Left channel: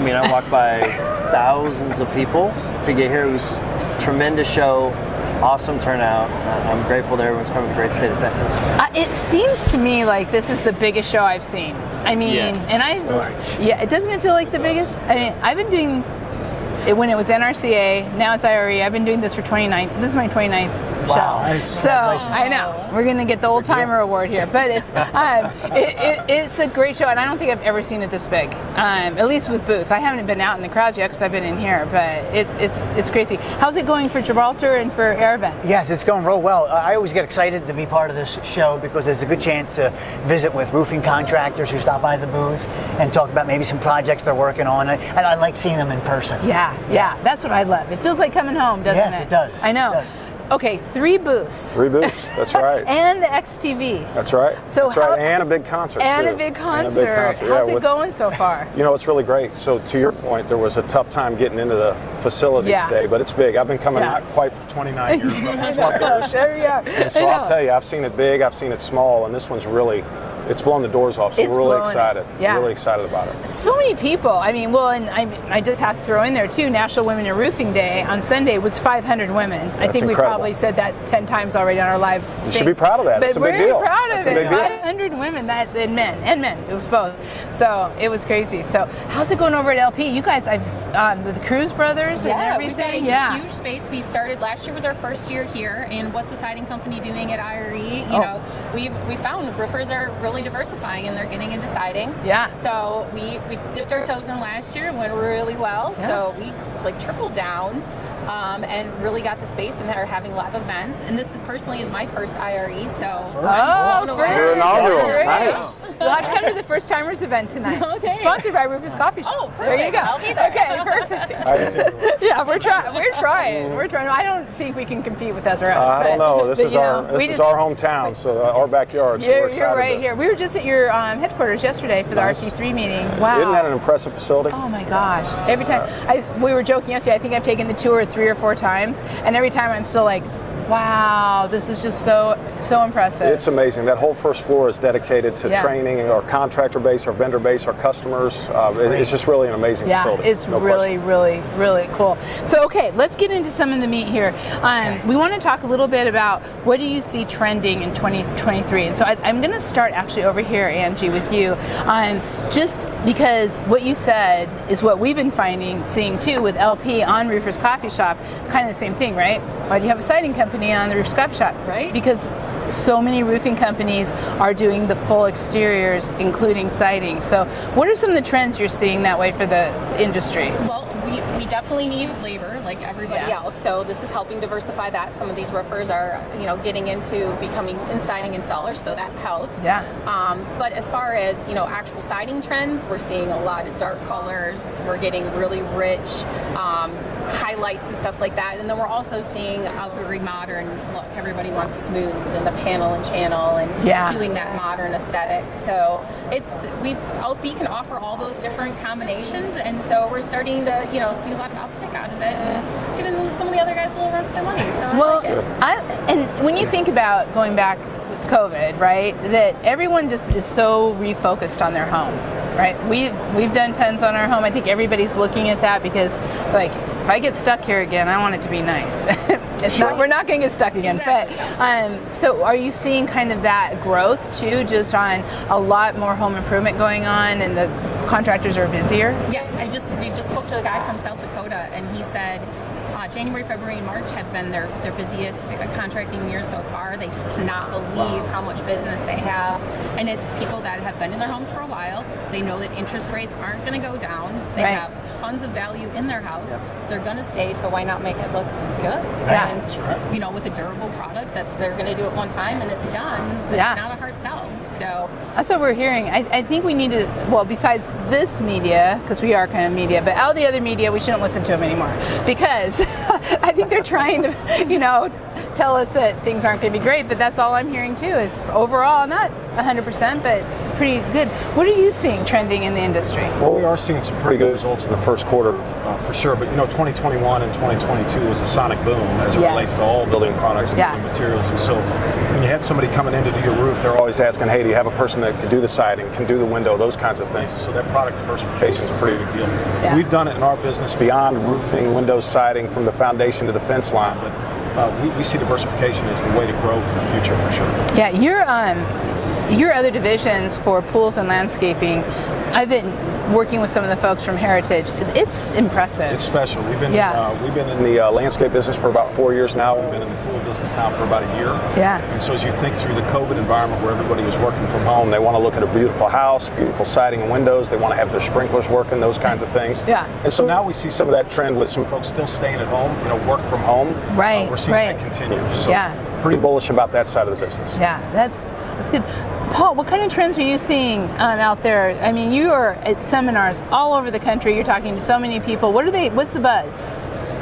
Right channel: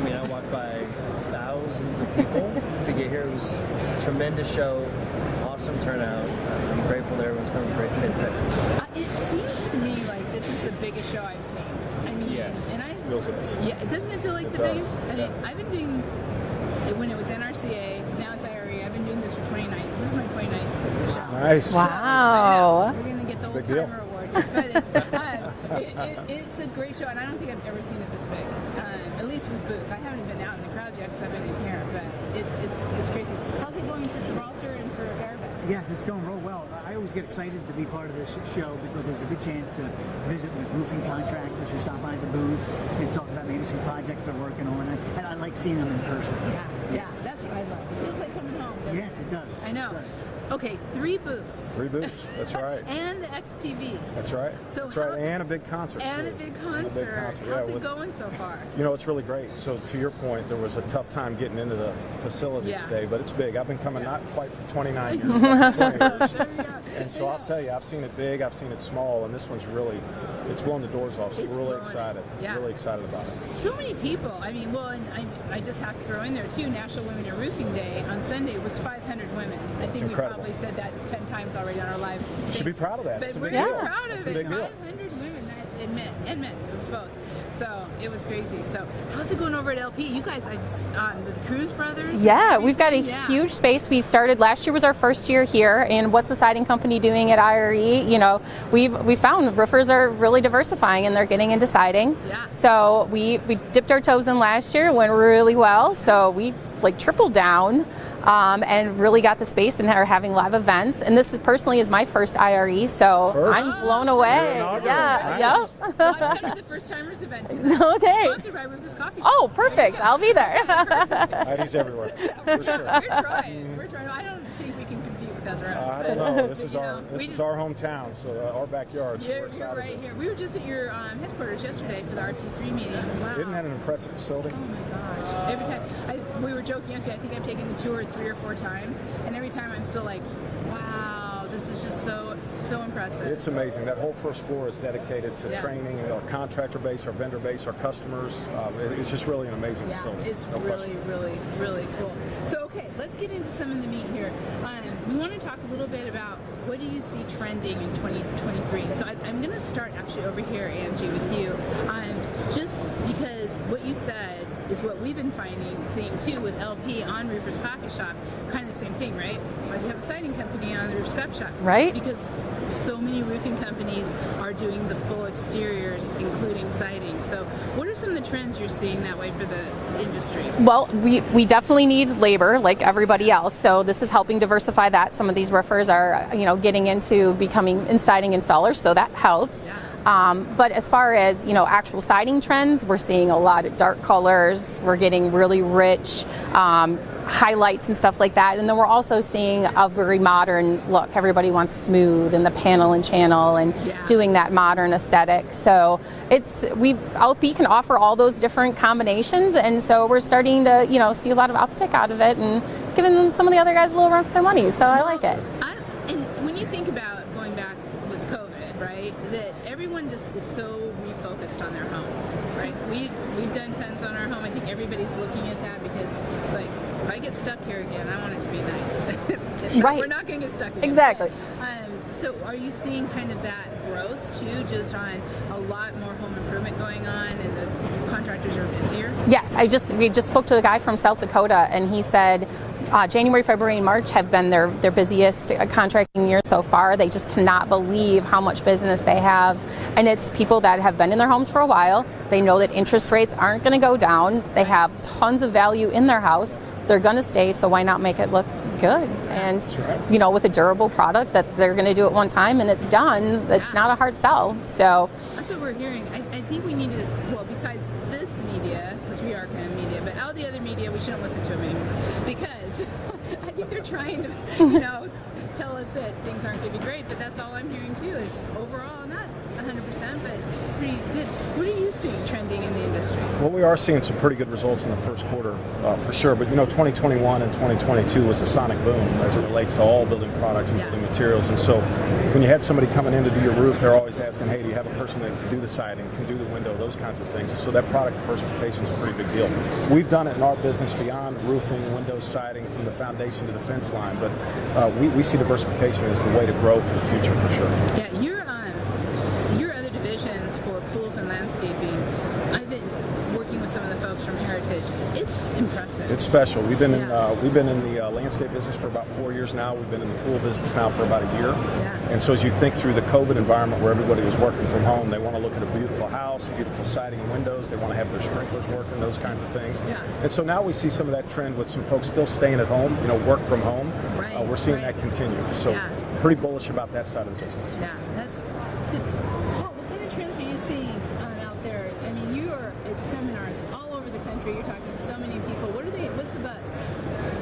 I mean, I walked by thousands of people to get here. It was a tremendous show, awesome turnout. I'm grateful that everyone's coming to the great state of Texas. It seems to me like this is the biggest show I've seen. I mean, yes. and it doesn't feel like the biggest. I mean, I've been doing it when it was NRCA, now it's IRE. I've been doing this for 29. This is my 29th show. Nice. So I know we're gonna get the old timer award here, but it's it's a great show, and I don't think I've ever seen it this big. At least with booths. I haven't been out in the crowds yet because I've been in here, but it's crazy. How's it going for Gibraltar and for Airbend? Yes, it's going real well. I always get excited to be part of this show because there's a good chance to visit with roofing contractors who stop by the booth and talk about maybe some projects they're working on. And I like seeing them in person. Yeah, that's what I love. It feels like coming home, doesn't it? Yes, it does. I know. It does. Okay, 3 booths. 3 booths, that's right. And the XTV. That's right. So that's right, and a big concert And too. a big concert. And a big concert. How's yeah, it going so far? You know, it's really great. So to your point, there was a tough time getting into the facility today, but it's big. I've been coming not quite for 29 years, but 20 years. There you are. And so I'll tell you, I've seen it big, I've seen it small, and this one's really, it's blown the doors off, so we're really excited. Yeah. Really excited about it. So many people. I mean, well, and I just have to throw in there too, National Women in Roofing Day on Sunday was 500 we've incredible. probably said that 10 times already on our live You should be proud of that. But It's a big we're deal. proud of It's a it. big deal. 500 women, that's and men. It was both. So it was crazy. So how's it going over at LP? You guys, with the Cruz brothers. Yeah, and we've got a huge space. We started last year was our first year here, and what's the siding company doing at IRE? You know, we found roofers are really diversifying and they're getting into siding. Yeah. So we dipped our toes in last year. It went really well. Yeah. So we tripled down. And really got the space and are having live events. And this personally is my first IRE, so I'm blown away. You're inaugural. Yeah. Well, I've come to the First Timers event tonight. Okay. Sponsored by Rufus Coffee Shop. Oh, perfect. There you go. I'll be there. Okay, perfect. Yeah, we're trying. I don't think we can compete with SRS. I don't know. This is our our hometown, so our backyard. So we're excited. You're right here. We were just at your headquarters yesterday for the RC3 meeting. Wow. Isn't that an impressive facility? Oh my gosh. Every time we were joking yesterday, I think I've taken the tour 3 or 4 times, and every time I'm still like, wow, this is just so impressive. It's amazing. That whole first floor is dedicated to training our contractor base, our vendor base, our customers. It's just really an amazing facility. It's really cool. So, okay, let's get into some of the meat here. We want to talk a little bit about what do you see trending in 2023. And so I'm going to start actually over here, Angie, with you, just because what you said is what we've been seeing too with LP on Roofers Coffee Shop, kind of the same thing, right? Why do you have a siding company on the Roofers Coffee Shop? Right. Because so many roofing companies are doing the full exteriors, including siding. So what are some of the trends you're seeing that way for the industry? Well, we definitely need labor like everybody else. So this is helping diversify that. Some of these roofers are, getting into becoming siding installers, so that helps. Yeah. But as far as, actual siding trends, we're seeing a lot of dark colors. We're getting really rich highlights and stuff like that. And then we're also seeing a very modern look. Everybody wants smooth and the panel and channel and doing that modern aesthetic. So LP can offer all those different combinations, and so we're starting to see a lot of uptick out of it and giving some of the other guys a little run for their money. So I like it. And when you think about going back with COVID, right, that everyone just is so refocused on their home, right? We've done tons on our home. I think everybody's looking at that because, like, if I get stuck here again, I want it to be nice. We're not going to get stuck again. Exactly. But, so are you seeing kind of that growth too, just on a lot more home improvement going on and the contractors are busier? Yes, we just spoke to a guy from South Dakota, and he said January, February, and March have been their busiest contracting year so far. They just cannot believe how much business they have. And it's people that have been in their homes for a while. They know that interest rates aren't going to go down. They have tons of value in their house. They're going to stay, so why not make it look good? And, with a durable product that they're going to do it one time and it's done, it's not a hard sell. So that's what we're hearing. I think we need to, well, besides this media, because we are kind of media, but all the other media, we shouldn't listen to them anymore because I think they're trying to, tell us that things aren't going to be great, but that's all I'm hearing too. Is overall not 100%, but pretty good. What are you seeing trending in the industry? Well, we are seeing some pretty good results in the first quarter for sure. But 2021 and 2022 was a sonic boom as it relates to all building products and building materials. And so when you had somebody coming in to do your roof, they're always asking, hey, do you have a person that can do the siding, can do the window, those kinds of things. And so that product diversification is a pretty big deal. Yeah. We've done it in our business beyond roofing, windows, siding, from the foundation to the fence line. But we see diversification as the way to grow for the future for sure. Yeah, your other divisions for pools and landscaping, I've been working with some of the folks from Heritage. It's impressive. It's special. We've been in the landscape business for about 4 years now. We've been in the pool business now for about a year. Yeah. And so as you think through the COVID environment where everybody was working from home, they want to look at a beautiful house, beautiful siding and windows. They want to have their sprinklers working, those kinds of things. Yeah. And so now we see some of that trend with some folks still staying at home, work from home. Right. We're seeing that continue. So pretty bullish about that side of the business. Yeah, that's good. Paul, what kind of trends are you seeing out there? I mean, you are at seminars all over the country. You're talking to so many people. What's the buzz?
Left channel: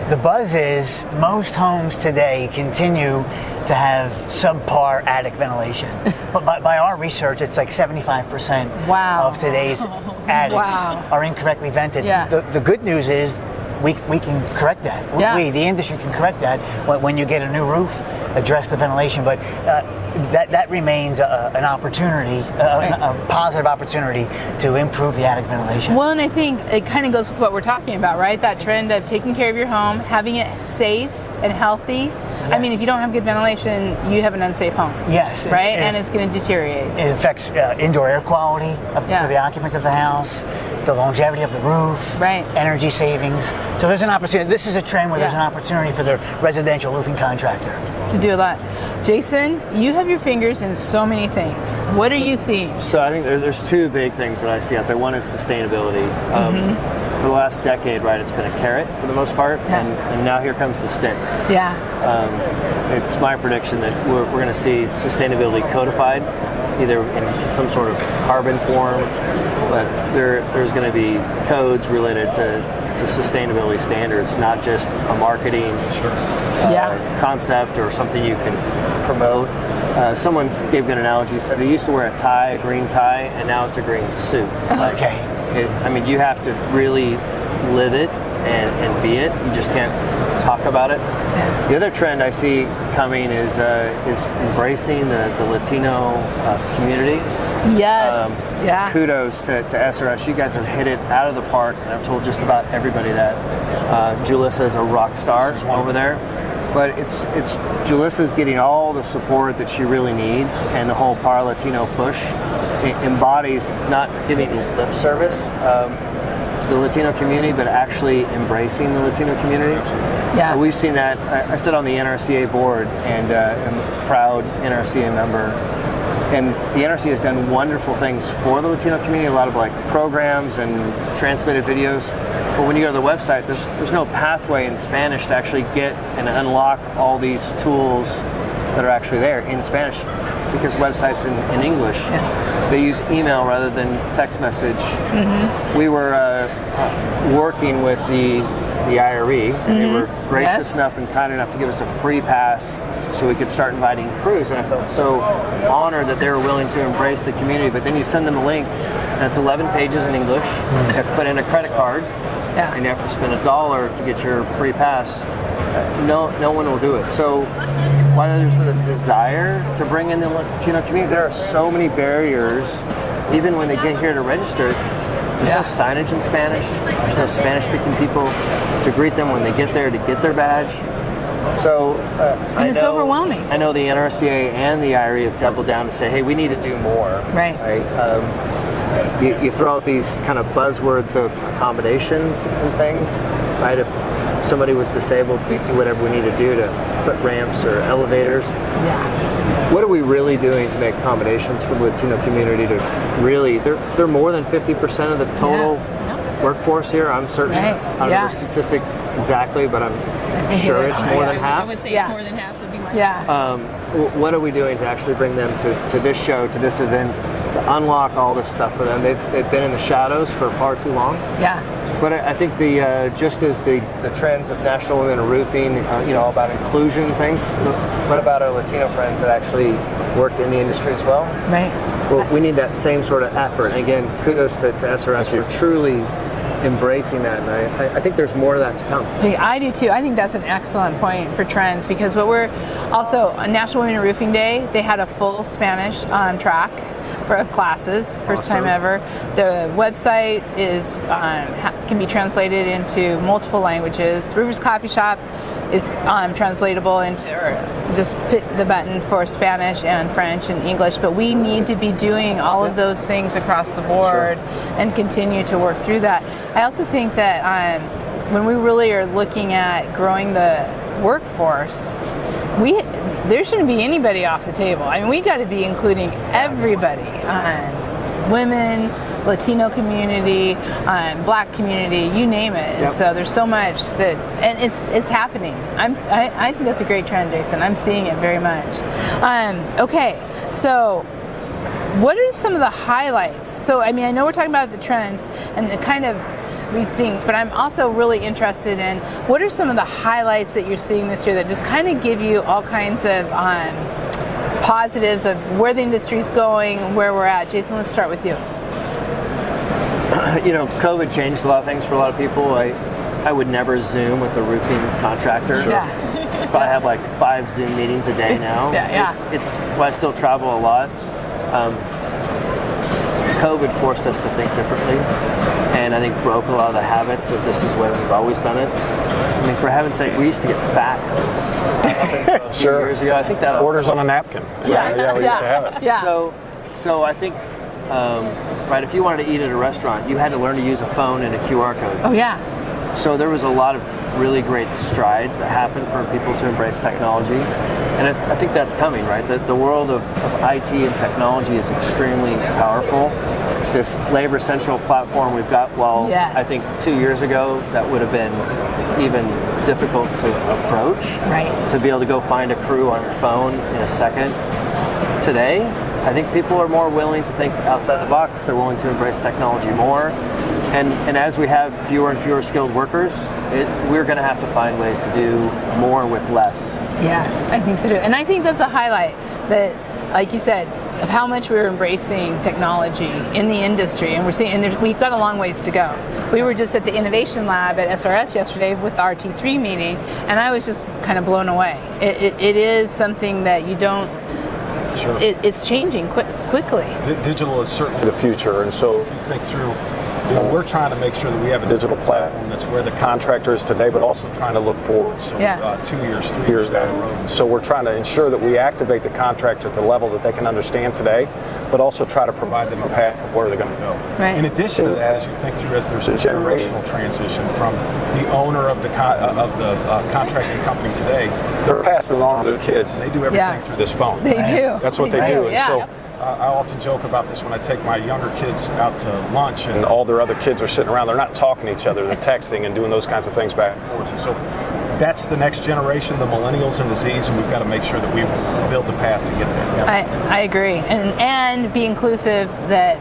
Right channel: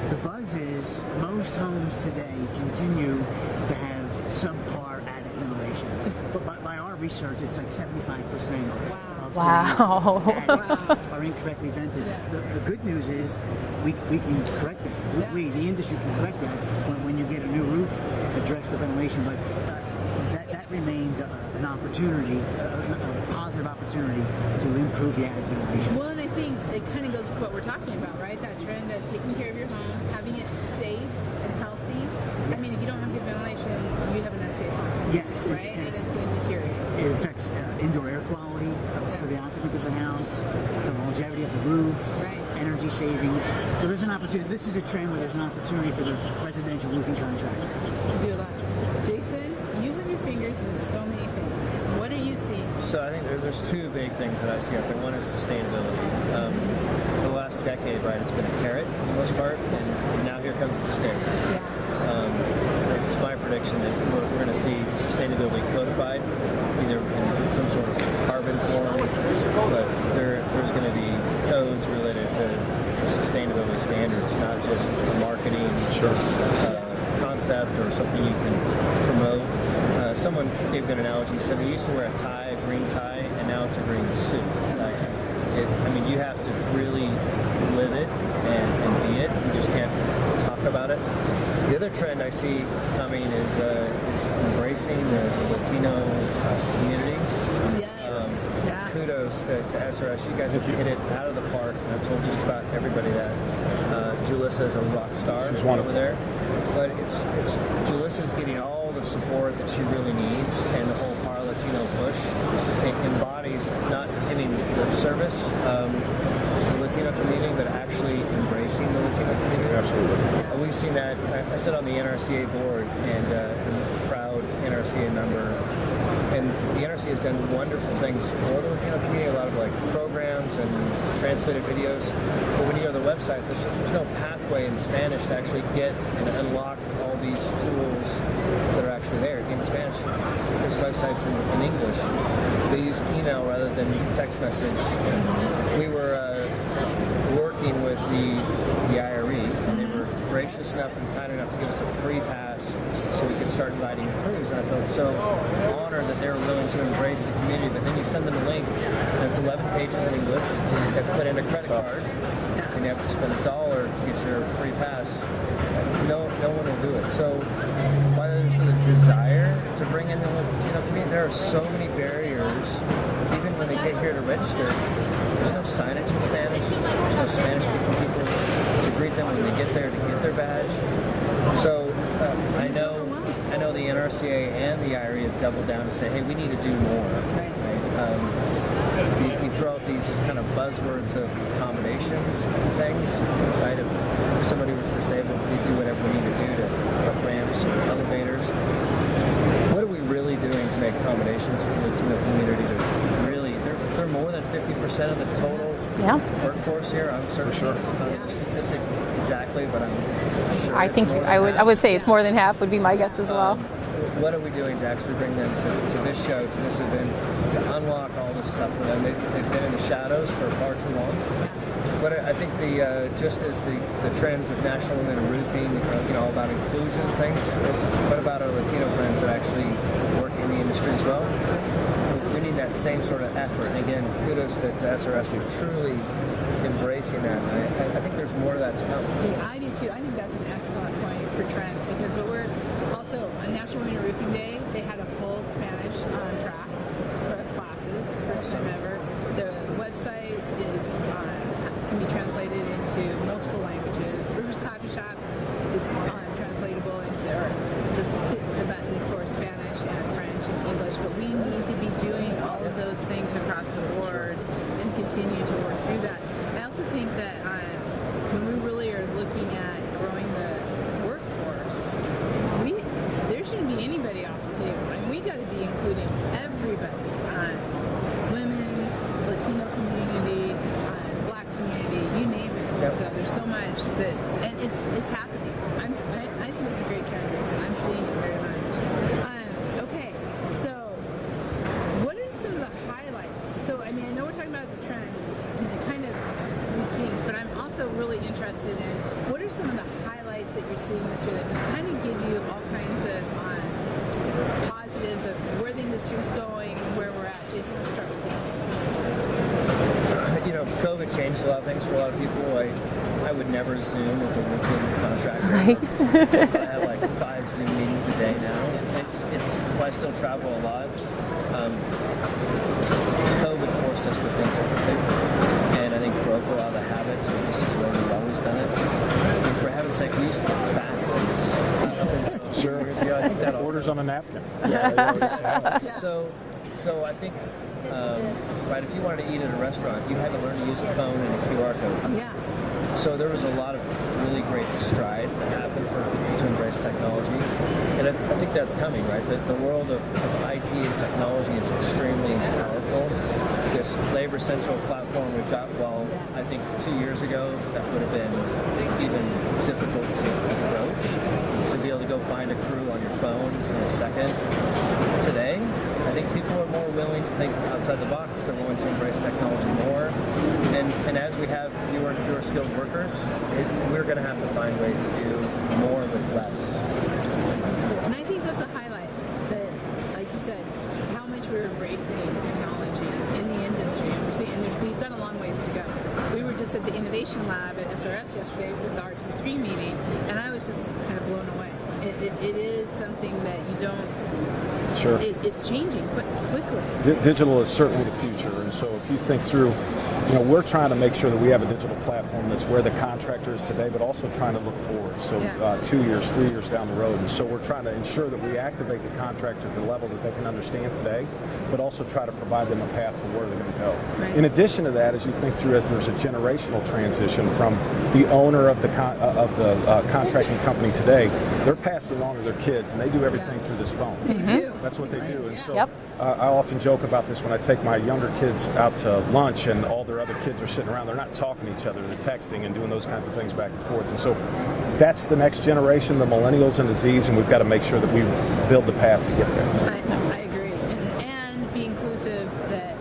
The buzz is most homes today continue to have subpar attic ventilation. But by our research, it's like 75% of today's attics are incorrectly vented. Yeah. The good news is we can correct that. We, the industry, can correct that when you get a new roof, address the ventilation. But that remains an opportunity, a positive opportunity to improve the attic ventilation. Well, and I think it kind of goes with what we're talking about, right? That trend of taking care of your home, having it safe and healthy. Yes. I mean, if you don't have good ventilation, you have an unsafe home. Yes. Right? And it's going to deteriorate. It affects indoor air quality for the occupants of the house, the longevity of the roof, energy savings. So there's an opportunity. This is a trend where there's an opportunity for the residential roofing contractor to do a lot. Jason, you have your fingers in so many things. What are you seeing? So I think there's two big things that I see out there. One is sustainability. For the last decade, it's been a carrot for the most part, and now here comes the stick. Yeah. It's my prediction that we're going to see sustainability codified, either in some sort of carbon form, but there's going to be codes related to sustainability standards, not just a marketing concept or something you can promote. Someone gave an analogy. Said they used to wear a green tie, and now it's a green suit. Okay. You have to really live it and be it. You just can't talk about it. The other trend I see coming is embracing the Latino community. Yes. Kudos to SRS. You guys have hit it out of the park, and I've told just about everybody that. Julissa is a rock star over there. But it's Julissa's getting all the support that she really needs, and the whole Par Latino push embodies not giving lip service to the Latino community, but actually embracing the Latino community. Yeah. We've seen that. I sit on the NRCA board and am a proud NRCA member. And the NRCA has done wonderful things for the Latino community, a lot of programs and translated videos. But when you go to the website, there's no pathway in Spanish to actually get and unlock all these tools that are actually there in Spanish, because the website's in English. Yeah. They use email rather than text message. Mm-hmm. We were working with the IRE, and they were gracious enough and kind enough to give us a free pass so we could start inviting crews, and I felt so honored that they were willing to embrace the community. But then you send them a link, and it's 11 pages in English. You have to put in a credit card, and you have to spend $1 to get your free pass. No one will do it. So while there's the desire to bring in the Latino community, there are so many barriers, even when they get here to register. There's no signage in Spanish. There's no Spanish-speaking people to greet them when they get there to get their badge. So and it's overwhelming. I know the NRCA and the IRE have doubled down to say, hey, we need to do more. Right. You throw out these kind of buzzwords of accommodations and things. Right? If somebody was disabled, we do whatever we need to do to put ramps or elevators. Yeah. What are we really doing to make accommodations for the Latino community to really, they're more than 50% of the total workforce here, I'm certain. On the statistic exactly, but I'm sure it's more than half. I would say it's Yeah. more than half would be my guess as well. What are we doing to actually bring them to this show, to this event, to unlock all this stuff for them? They've been in the shadows for far too long. Yeah. But I think just as the trends of National Women in Roofing, all about inclusion things, what about our Latino friends that actually work in the industry as well? Right. Well, we need that same sort of effort. And again, kudos to SRS for truly embracing that. And I think there's more of that to come. I do too. I think that's an excellent point for trends, because what we're also on National Women in Roofing Day, they had a full Spanish track of classes, first time ever. The website is can be translated into multiple languages. Rivers Coffee Shop is translatable into, or just pick the button for Spanish and French and English, but we need to be doing all of those things across the board and continue to work through that. I also think that when we really are looking at growing the workforce, there shouldn't be anybody off the table. I mean, we got to be including everybody, women, Latino community, Black community, you name it. And so there's so much that, and it's happening. I think that's a great trend, Jason. I'm seeing it very much. Okay, so what are some of the highlights? So, I mean, I know we're talking about the trends and the kind of things, but I'm also really interested in what are some of the highlights that you're seeing this year that just kind of give you all kinds of positives of where the industry's going, where we're at. Jason, let's start with you. COVID changed a lot of things for a lot of people. I would never Zoom with a roofing contractor. Yeah. But I have like 5 Zoom meetings a day now. Well, I still travel a lot. COVID forced us to think differently, and I think broke a lot of the habits of this is the way we've always done it. I mean, for heaven's sake, we used to get faxes. Sure. Years ago. I think that Orders on a napkin. we used to have it. Yeah. So I think, right, if you wanted to eat at a restaurant, you had to learn to use a phone and a QR code. Oh yeah. So there was a lot of really great strides that happened for people to embrace technology. And I think that's coming, right? The world of IT and technology is extremely powerful. This Labor Central platform we've got, I think 2 years ago, that would have been even difficult to approach. Right. To be able to go find a crew on your phone in a second. Today, I think people are more willing to think outside the box. They're willing to embrace technology more. And as we have fewer and fewer skilled workers, we're going to have to find ways to do more with less. Yes, I think so too. And I think that's a highlight that, like you said, of how much we're embracing technology in the industry. And we're seeing, and we've got a long ways to go. We were just at the Innovation Lab at SRS yesterday with our T3 meeting, and I was just kind of blown away. It is something that you don't, it's changing quickly. Digital is certainly the future, and so if you think through, we're trying to make sure that we have a digital platform that's where the contractor is today, but also trying to look forward. So 2 years, 3 years down the road. And so we're trying to ensure that we activate the contractor at the level that they can understand today, but also try to provide them a path from where they're going to go. Right. In addition to that, as you think through, as there's a generational transition from the owner of the contracting company today, they're passing it on to their kids. They do everything through this phone. They do. That's what they do. And so I often joke about this when I take my younger kids out to lunch and all their other kids are sitting around. They're not talking to each other. They're texting and doing those kinds of things back and forth. And so that's the next generation, the millennials and the Zs, and we've got to make sure that we build the path to get there. I agree. And be inclusive that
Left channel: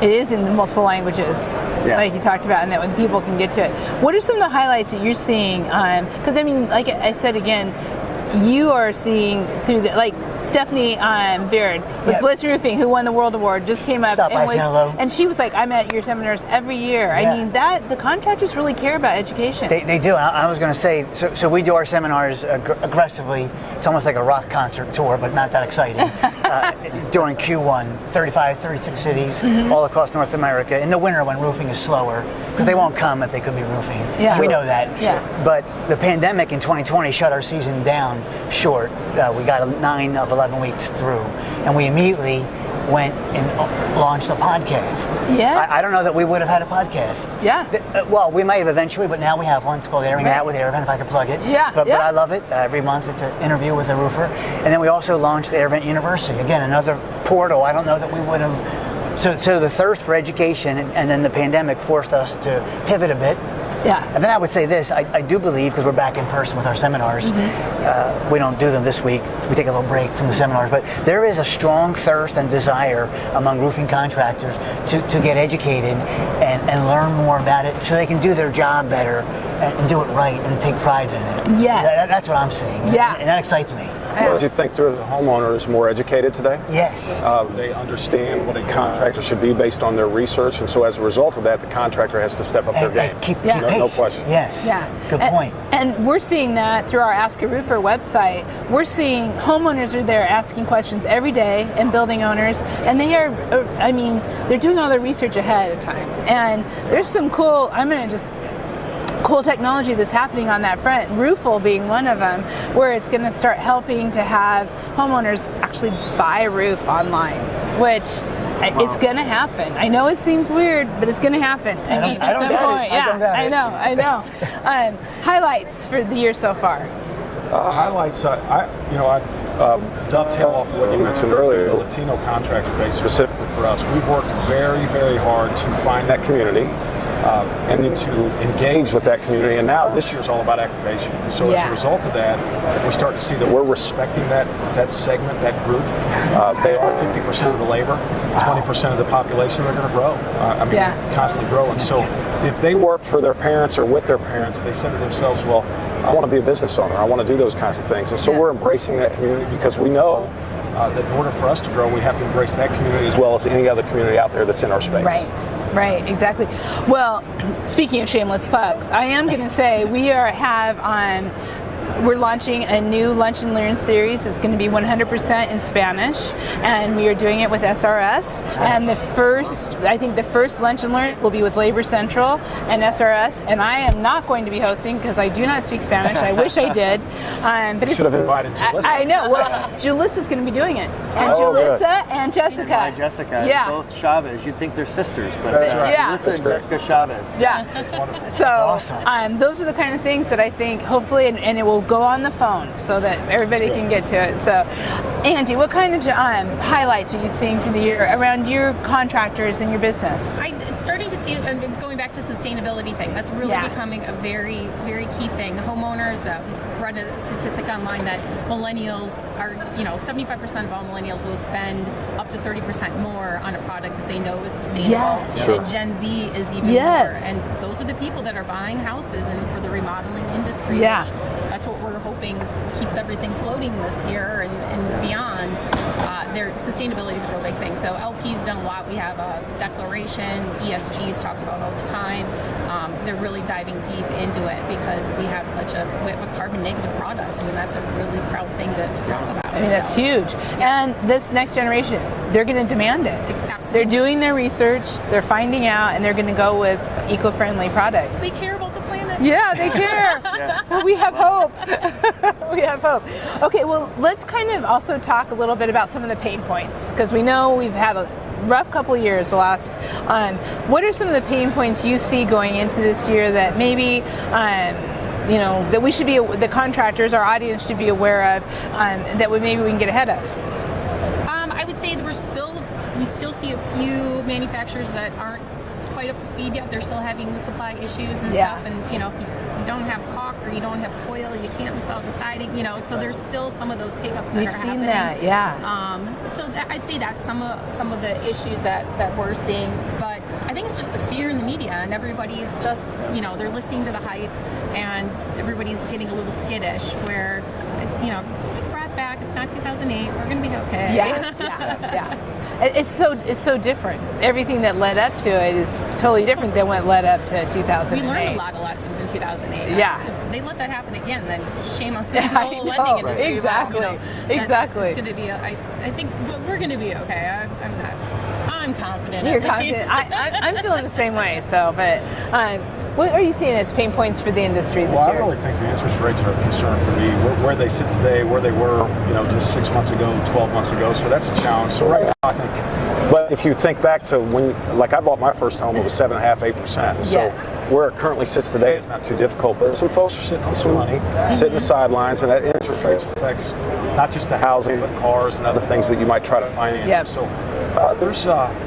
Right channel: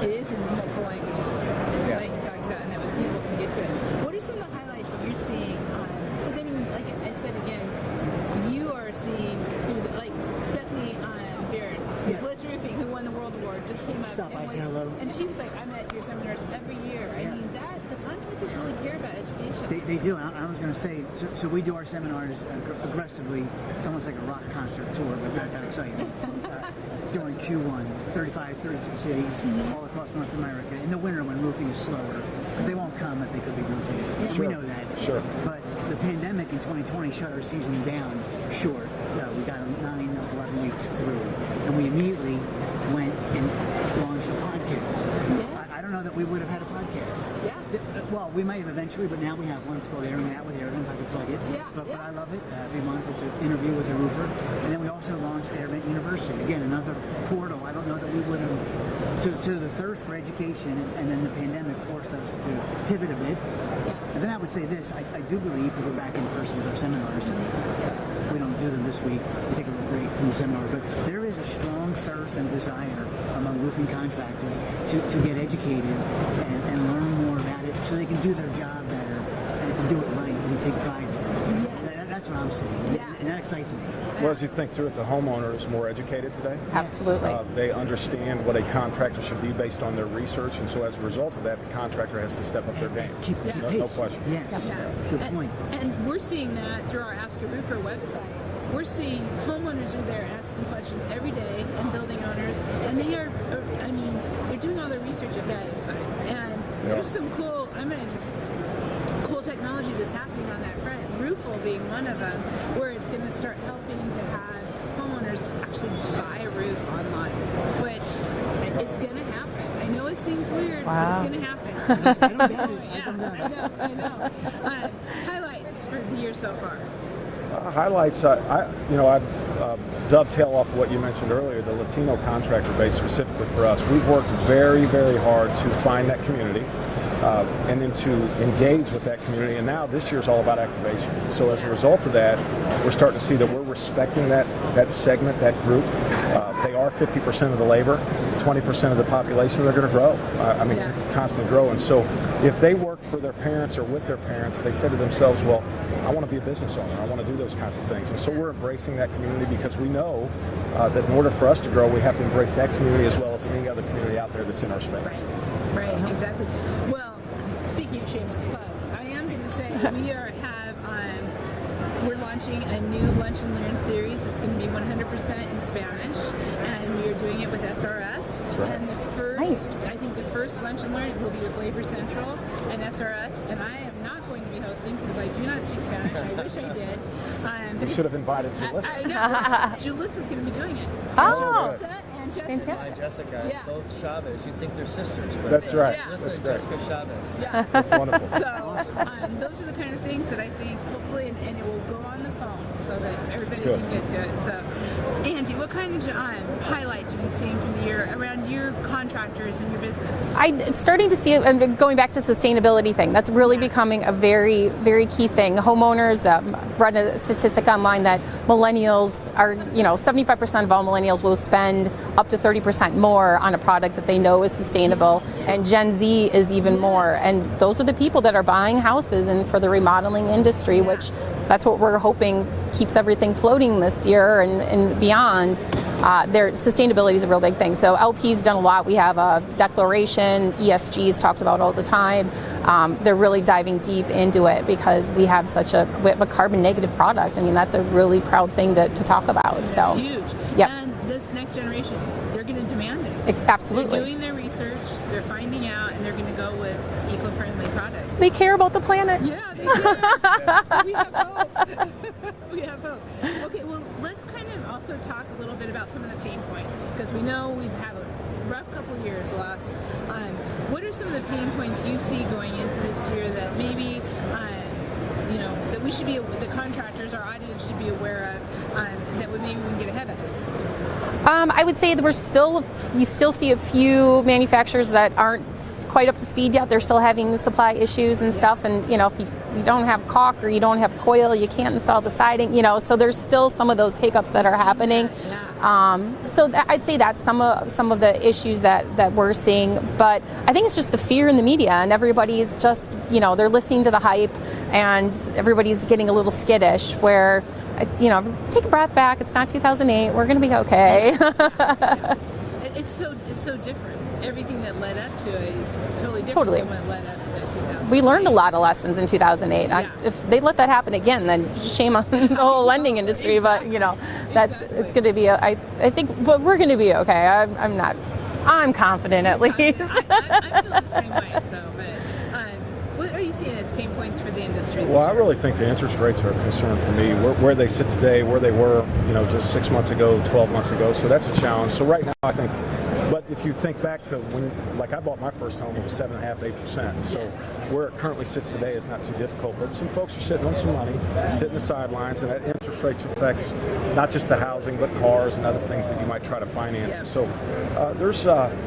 it is in multiple languages, like you talked about, and that when people can get to it. What are some of the highlights that you're seeing? Because, I mean, like I said again, you are seeing through like Stephanie Beard with Bliss Roofing, who won the World Award, just came up and she was like, I'm at your seminars every year. I mean, that the contractors really care about education. They do. I was going to say, so we do our seminars aggressively. It's almost like a rock concert tour, but not that exciting. During Q1, 35, 36 cities all across North America. In the winter when roofing is slower, because they won't come if they could be roofing. Yeah. We know that. Yeah. But the pandemic in 2020 shut our season down short. We got 9 of 11 weeks through, and we immediately went and launched a podcast. Yes. I don't know that we would have had a podcast. Yeah. Well, we might have eventually, but now we have one. It's called Airing It Out with AirVent, if I could plug it. Yeah. But I love it. Every month it's an interview with a roofer. And then we also launched AirVent University. Again, another portal. I don't know that we would have. So the thirst for education and then the pandemic forced us to pivot a bit. Yeah. And then I would say this, I do believe, because we're back in person with our seminars, we don't do them this week, we take a little break from the seminars, but there is a strong thirst and desire among roofing contractors to get educated and learn more about it so they can do their job better and do it right and take pride in it. Yes. That's what I'm saying. Yeah. And that excites me. Well, as you think through, the homeowner is more educated today. Yes. They understand what a contractor should be based on their research, and so as a result of that, the contractor has to step up their game. Keep no pace. question. Yes. Yeah. Good point. And we're seeing that through our Ask a Roofer website. We're seeing homeowners are there asking questions every day, and building owners, and they are, I mean, they're doing all their research ahead of time. And there's some cool, cool technology that's happening on that front, Roofle being one of them, where it's going to start helping to have homeowners actually buy a roof online, which it's going to happen. I know it seems weird, but it's going to happen. I don't doubt it. Yeah, I know. Highlights for the year so far. Highlights, I dovetail off of what you mentioned earlier, the Latino contractor base specifically for us. We've worked very, very hard to find that community and then to engage with that community. And now this year's all about activation. And so as a result of that, we're starting to see that we're respecting that segment, that group. They are 50% of the labor, 20% of the population. They're going to grow. Constantly growing. So if they work for their parents or with their parents, they said to themselves, well, I want to be a business owner. I want to do those kinds of things. And so we're embracing that community because we know that in order for us to grow, we have to embrace that community as well as any other community out there that's in our space. Right, exactly. Well, speaking of shameless plugs, I am going to say we're launching a new Lunch and Learn series. It's going to be 100% in Spanish, and we are doing it with SRS. And the first Lunch and Learn will be with Labor Central and SRS. And I am not going to be hosting because I do not speak Spanish. I wish I did. But You should have invited Julissa. I know. Well, Julissa's going to be doing it. And Julissa and Jessica. Hi, Jessica. Yeah. Both Chavez. You'd think they're sisters, but That's right. Julissa and Jessica Chavez. Yeah. That's wonderful. So awesome. those are the kind of things that I think hopefully, and it will go on the phone so that everybody can get to it. So, Angie, what kind of highlights are you seeing for the year around your contractors and your business? I'm starting to see, and going back to the sustainability thing, that's really becoming a very, very key thing. Homeowners, that read a statistic online that millennials are, 75% of all millennials will spend up to 30% more on a product that they know is sustainable. Yes. And Gen Z is even more. And those are the people that are buying houses and for the remodeling industry, which that's what we're hoping keeps everything floating this year and beyond. Their sustainability is a real big thing. So LP's done a lot. We have a declaration, ESG's talked about all the time. They're really diving deep into it because we have such a carbon negative product. I mean, that's a really proud thing to talk about. I mean, that's huge. Yeah. And this next generation, they're going to demand it. Absolutely. They're doing their research, they're finding out, and they're going to go with eco-friendly products. They care about the planet. Yeah, they care. Well, we have hope. We have hope. Okay, well, let's kind of also talk a little bit about some of the pain points, because we know we've had a rough couple of years last. What are some of the pain points you see going into this year that maybe that we should be, the contractors, our audience should be aware of, that maybe we can get ahead of? I would say that you still see a few manufacturers that aren't quite up to speed yet. They're still having supply issues and stuff, and if you don't have caulk or you don't have coil, you can't install the siding, so there's still some of those hiccups that are happening. So I'd say that's some of the issues that we're seeing, but I think it's just the fear in the media, and everybody's just, they're listening to the hype, and everybody's getting a little skittish, where, take a breath back, it's not 2008, we're going to be okay. It's so different. Everything that led up to it is totally different than what led up to 2008. We learned a lot of lessons in 2008. If they let that happen again, then shame on the whole lending industry. Exactly. But Exactly. it's going to be. I think we're going to be okay. I'm confident at least. I'm feeling the same way. So, but. What are you seeing as pain points for the industry this year? I really think the interest rates are a concern for me. Where they sit today, where they were, just 6 months ago, 12 months ago. So that's a challenge. So right now, I think. But if you think back to when, I bought my first home, it was 7.5%, 8%. So where it currently sits today is not too difficult. But some folks are sitting on some money, sitting in the sidelines, and that interest rates affects not just the housing, but cars and other things that you might try to finance. So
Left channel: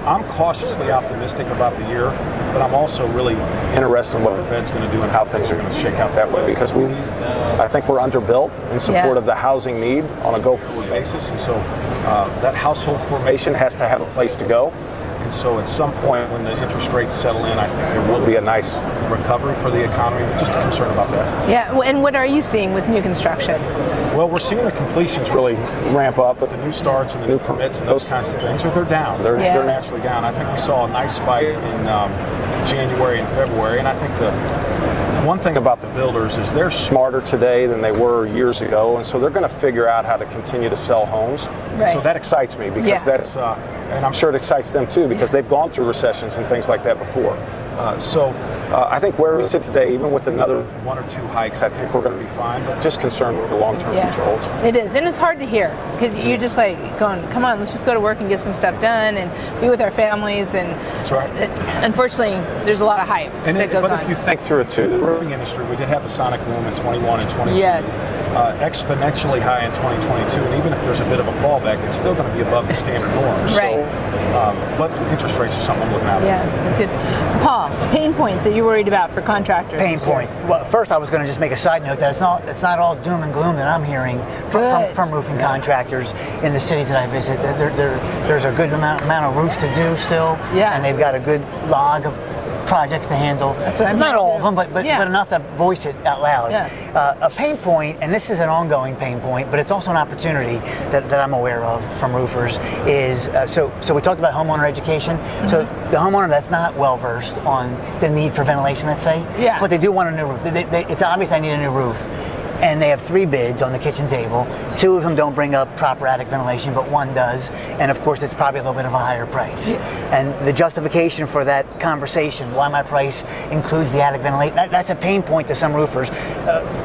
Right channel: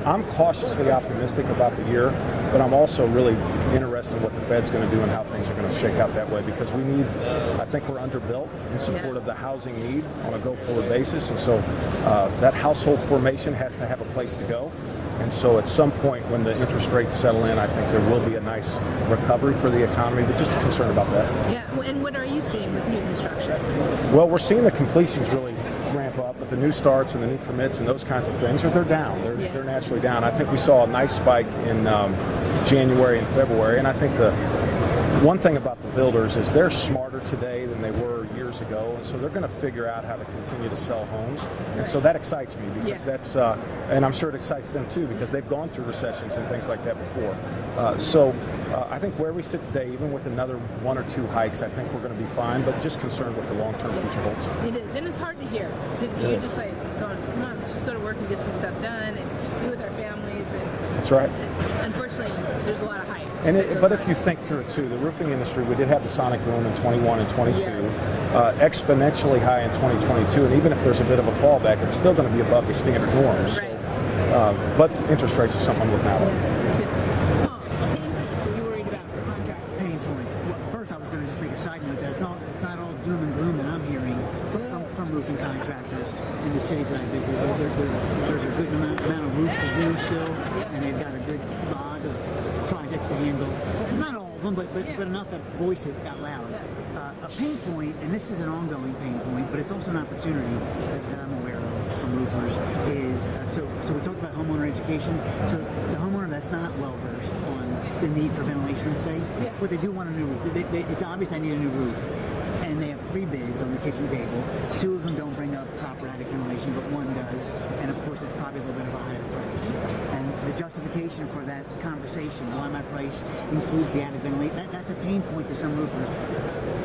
I'm cautiously optimistic about the year. but I'm also really interested in what the Fed's going to do and how things are going to shake out that way, because I think we're underbuilt in support of the housing need on a go-forward basis, and so that household formation has to have a place to go. And so at some point when the interest rates settle in, I think there will be a nice recovery for the economy, but just a concern about that. Yeah, and what are you seeing with new construction? Well, we're seeing the completions really ramp up, but the new starts and the new permits and those kinds of things, they're down. They're naturally down. I think we saw a nice spike in January and February, and I think the one thing about the builders is they're smarter today than they were years ago, and so they're going to figure out how to continue to sell homes. Right. So that excites me, because that's, and I'm sure it excites them too, because they've gone through recessions and things like that before. I think where we sit today, even with another 1 or 2 hikes, I think we're going to be fine, but just concerned with the long-term future holds. It is, and it's hard to hear, because you're just like going, come on, let's just go to work and get some stuff done and be with our families. And that's right. Unfortunately, there's a lot of hype that goes on. But if you think through it too, the roofing industry, we did have the sonic boom in 21 and 22, exponentially high in 2022, and even if there's a bit of a fallback, it's still going to be above the standard norms. Right. But interest rates are something I'm looking at. Yeah, that's good. Paul, pain points that you're worried about for contractors? Pain points. Well, first I was going to just make a side note that it's not all doom and gloom that I'm hearing from roofing contractors in the cities that I visit. There's a good amount of roofs to do still, and they've got a good log of projects to handle. That's what I mean. Not all of them, but enough to voice it out loud. Yeah. A pain point, and this is an ongoing pain point, but it's also an opportunity that I'm aware of from roofers, is so we talked about homeowner education. So the homeowner that's not well versed on the need for ventilation, let's say, but they do want a new roof. It's obvious they need a new roof. And they have 3 bids on the kitchen table. 2 of them don't bring up proper attic ventilation, but 1 does. And of course, it's probably a little bit of a higher price. And the justification for that conversation, why my price includes the attic ventilation, that's a pain point to some roofers.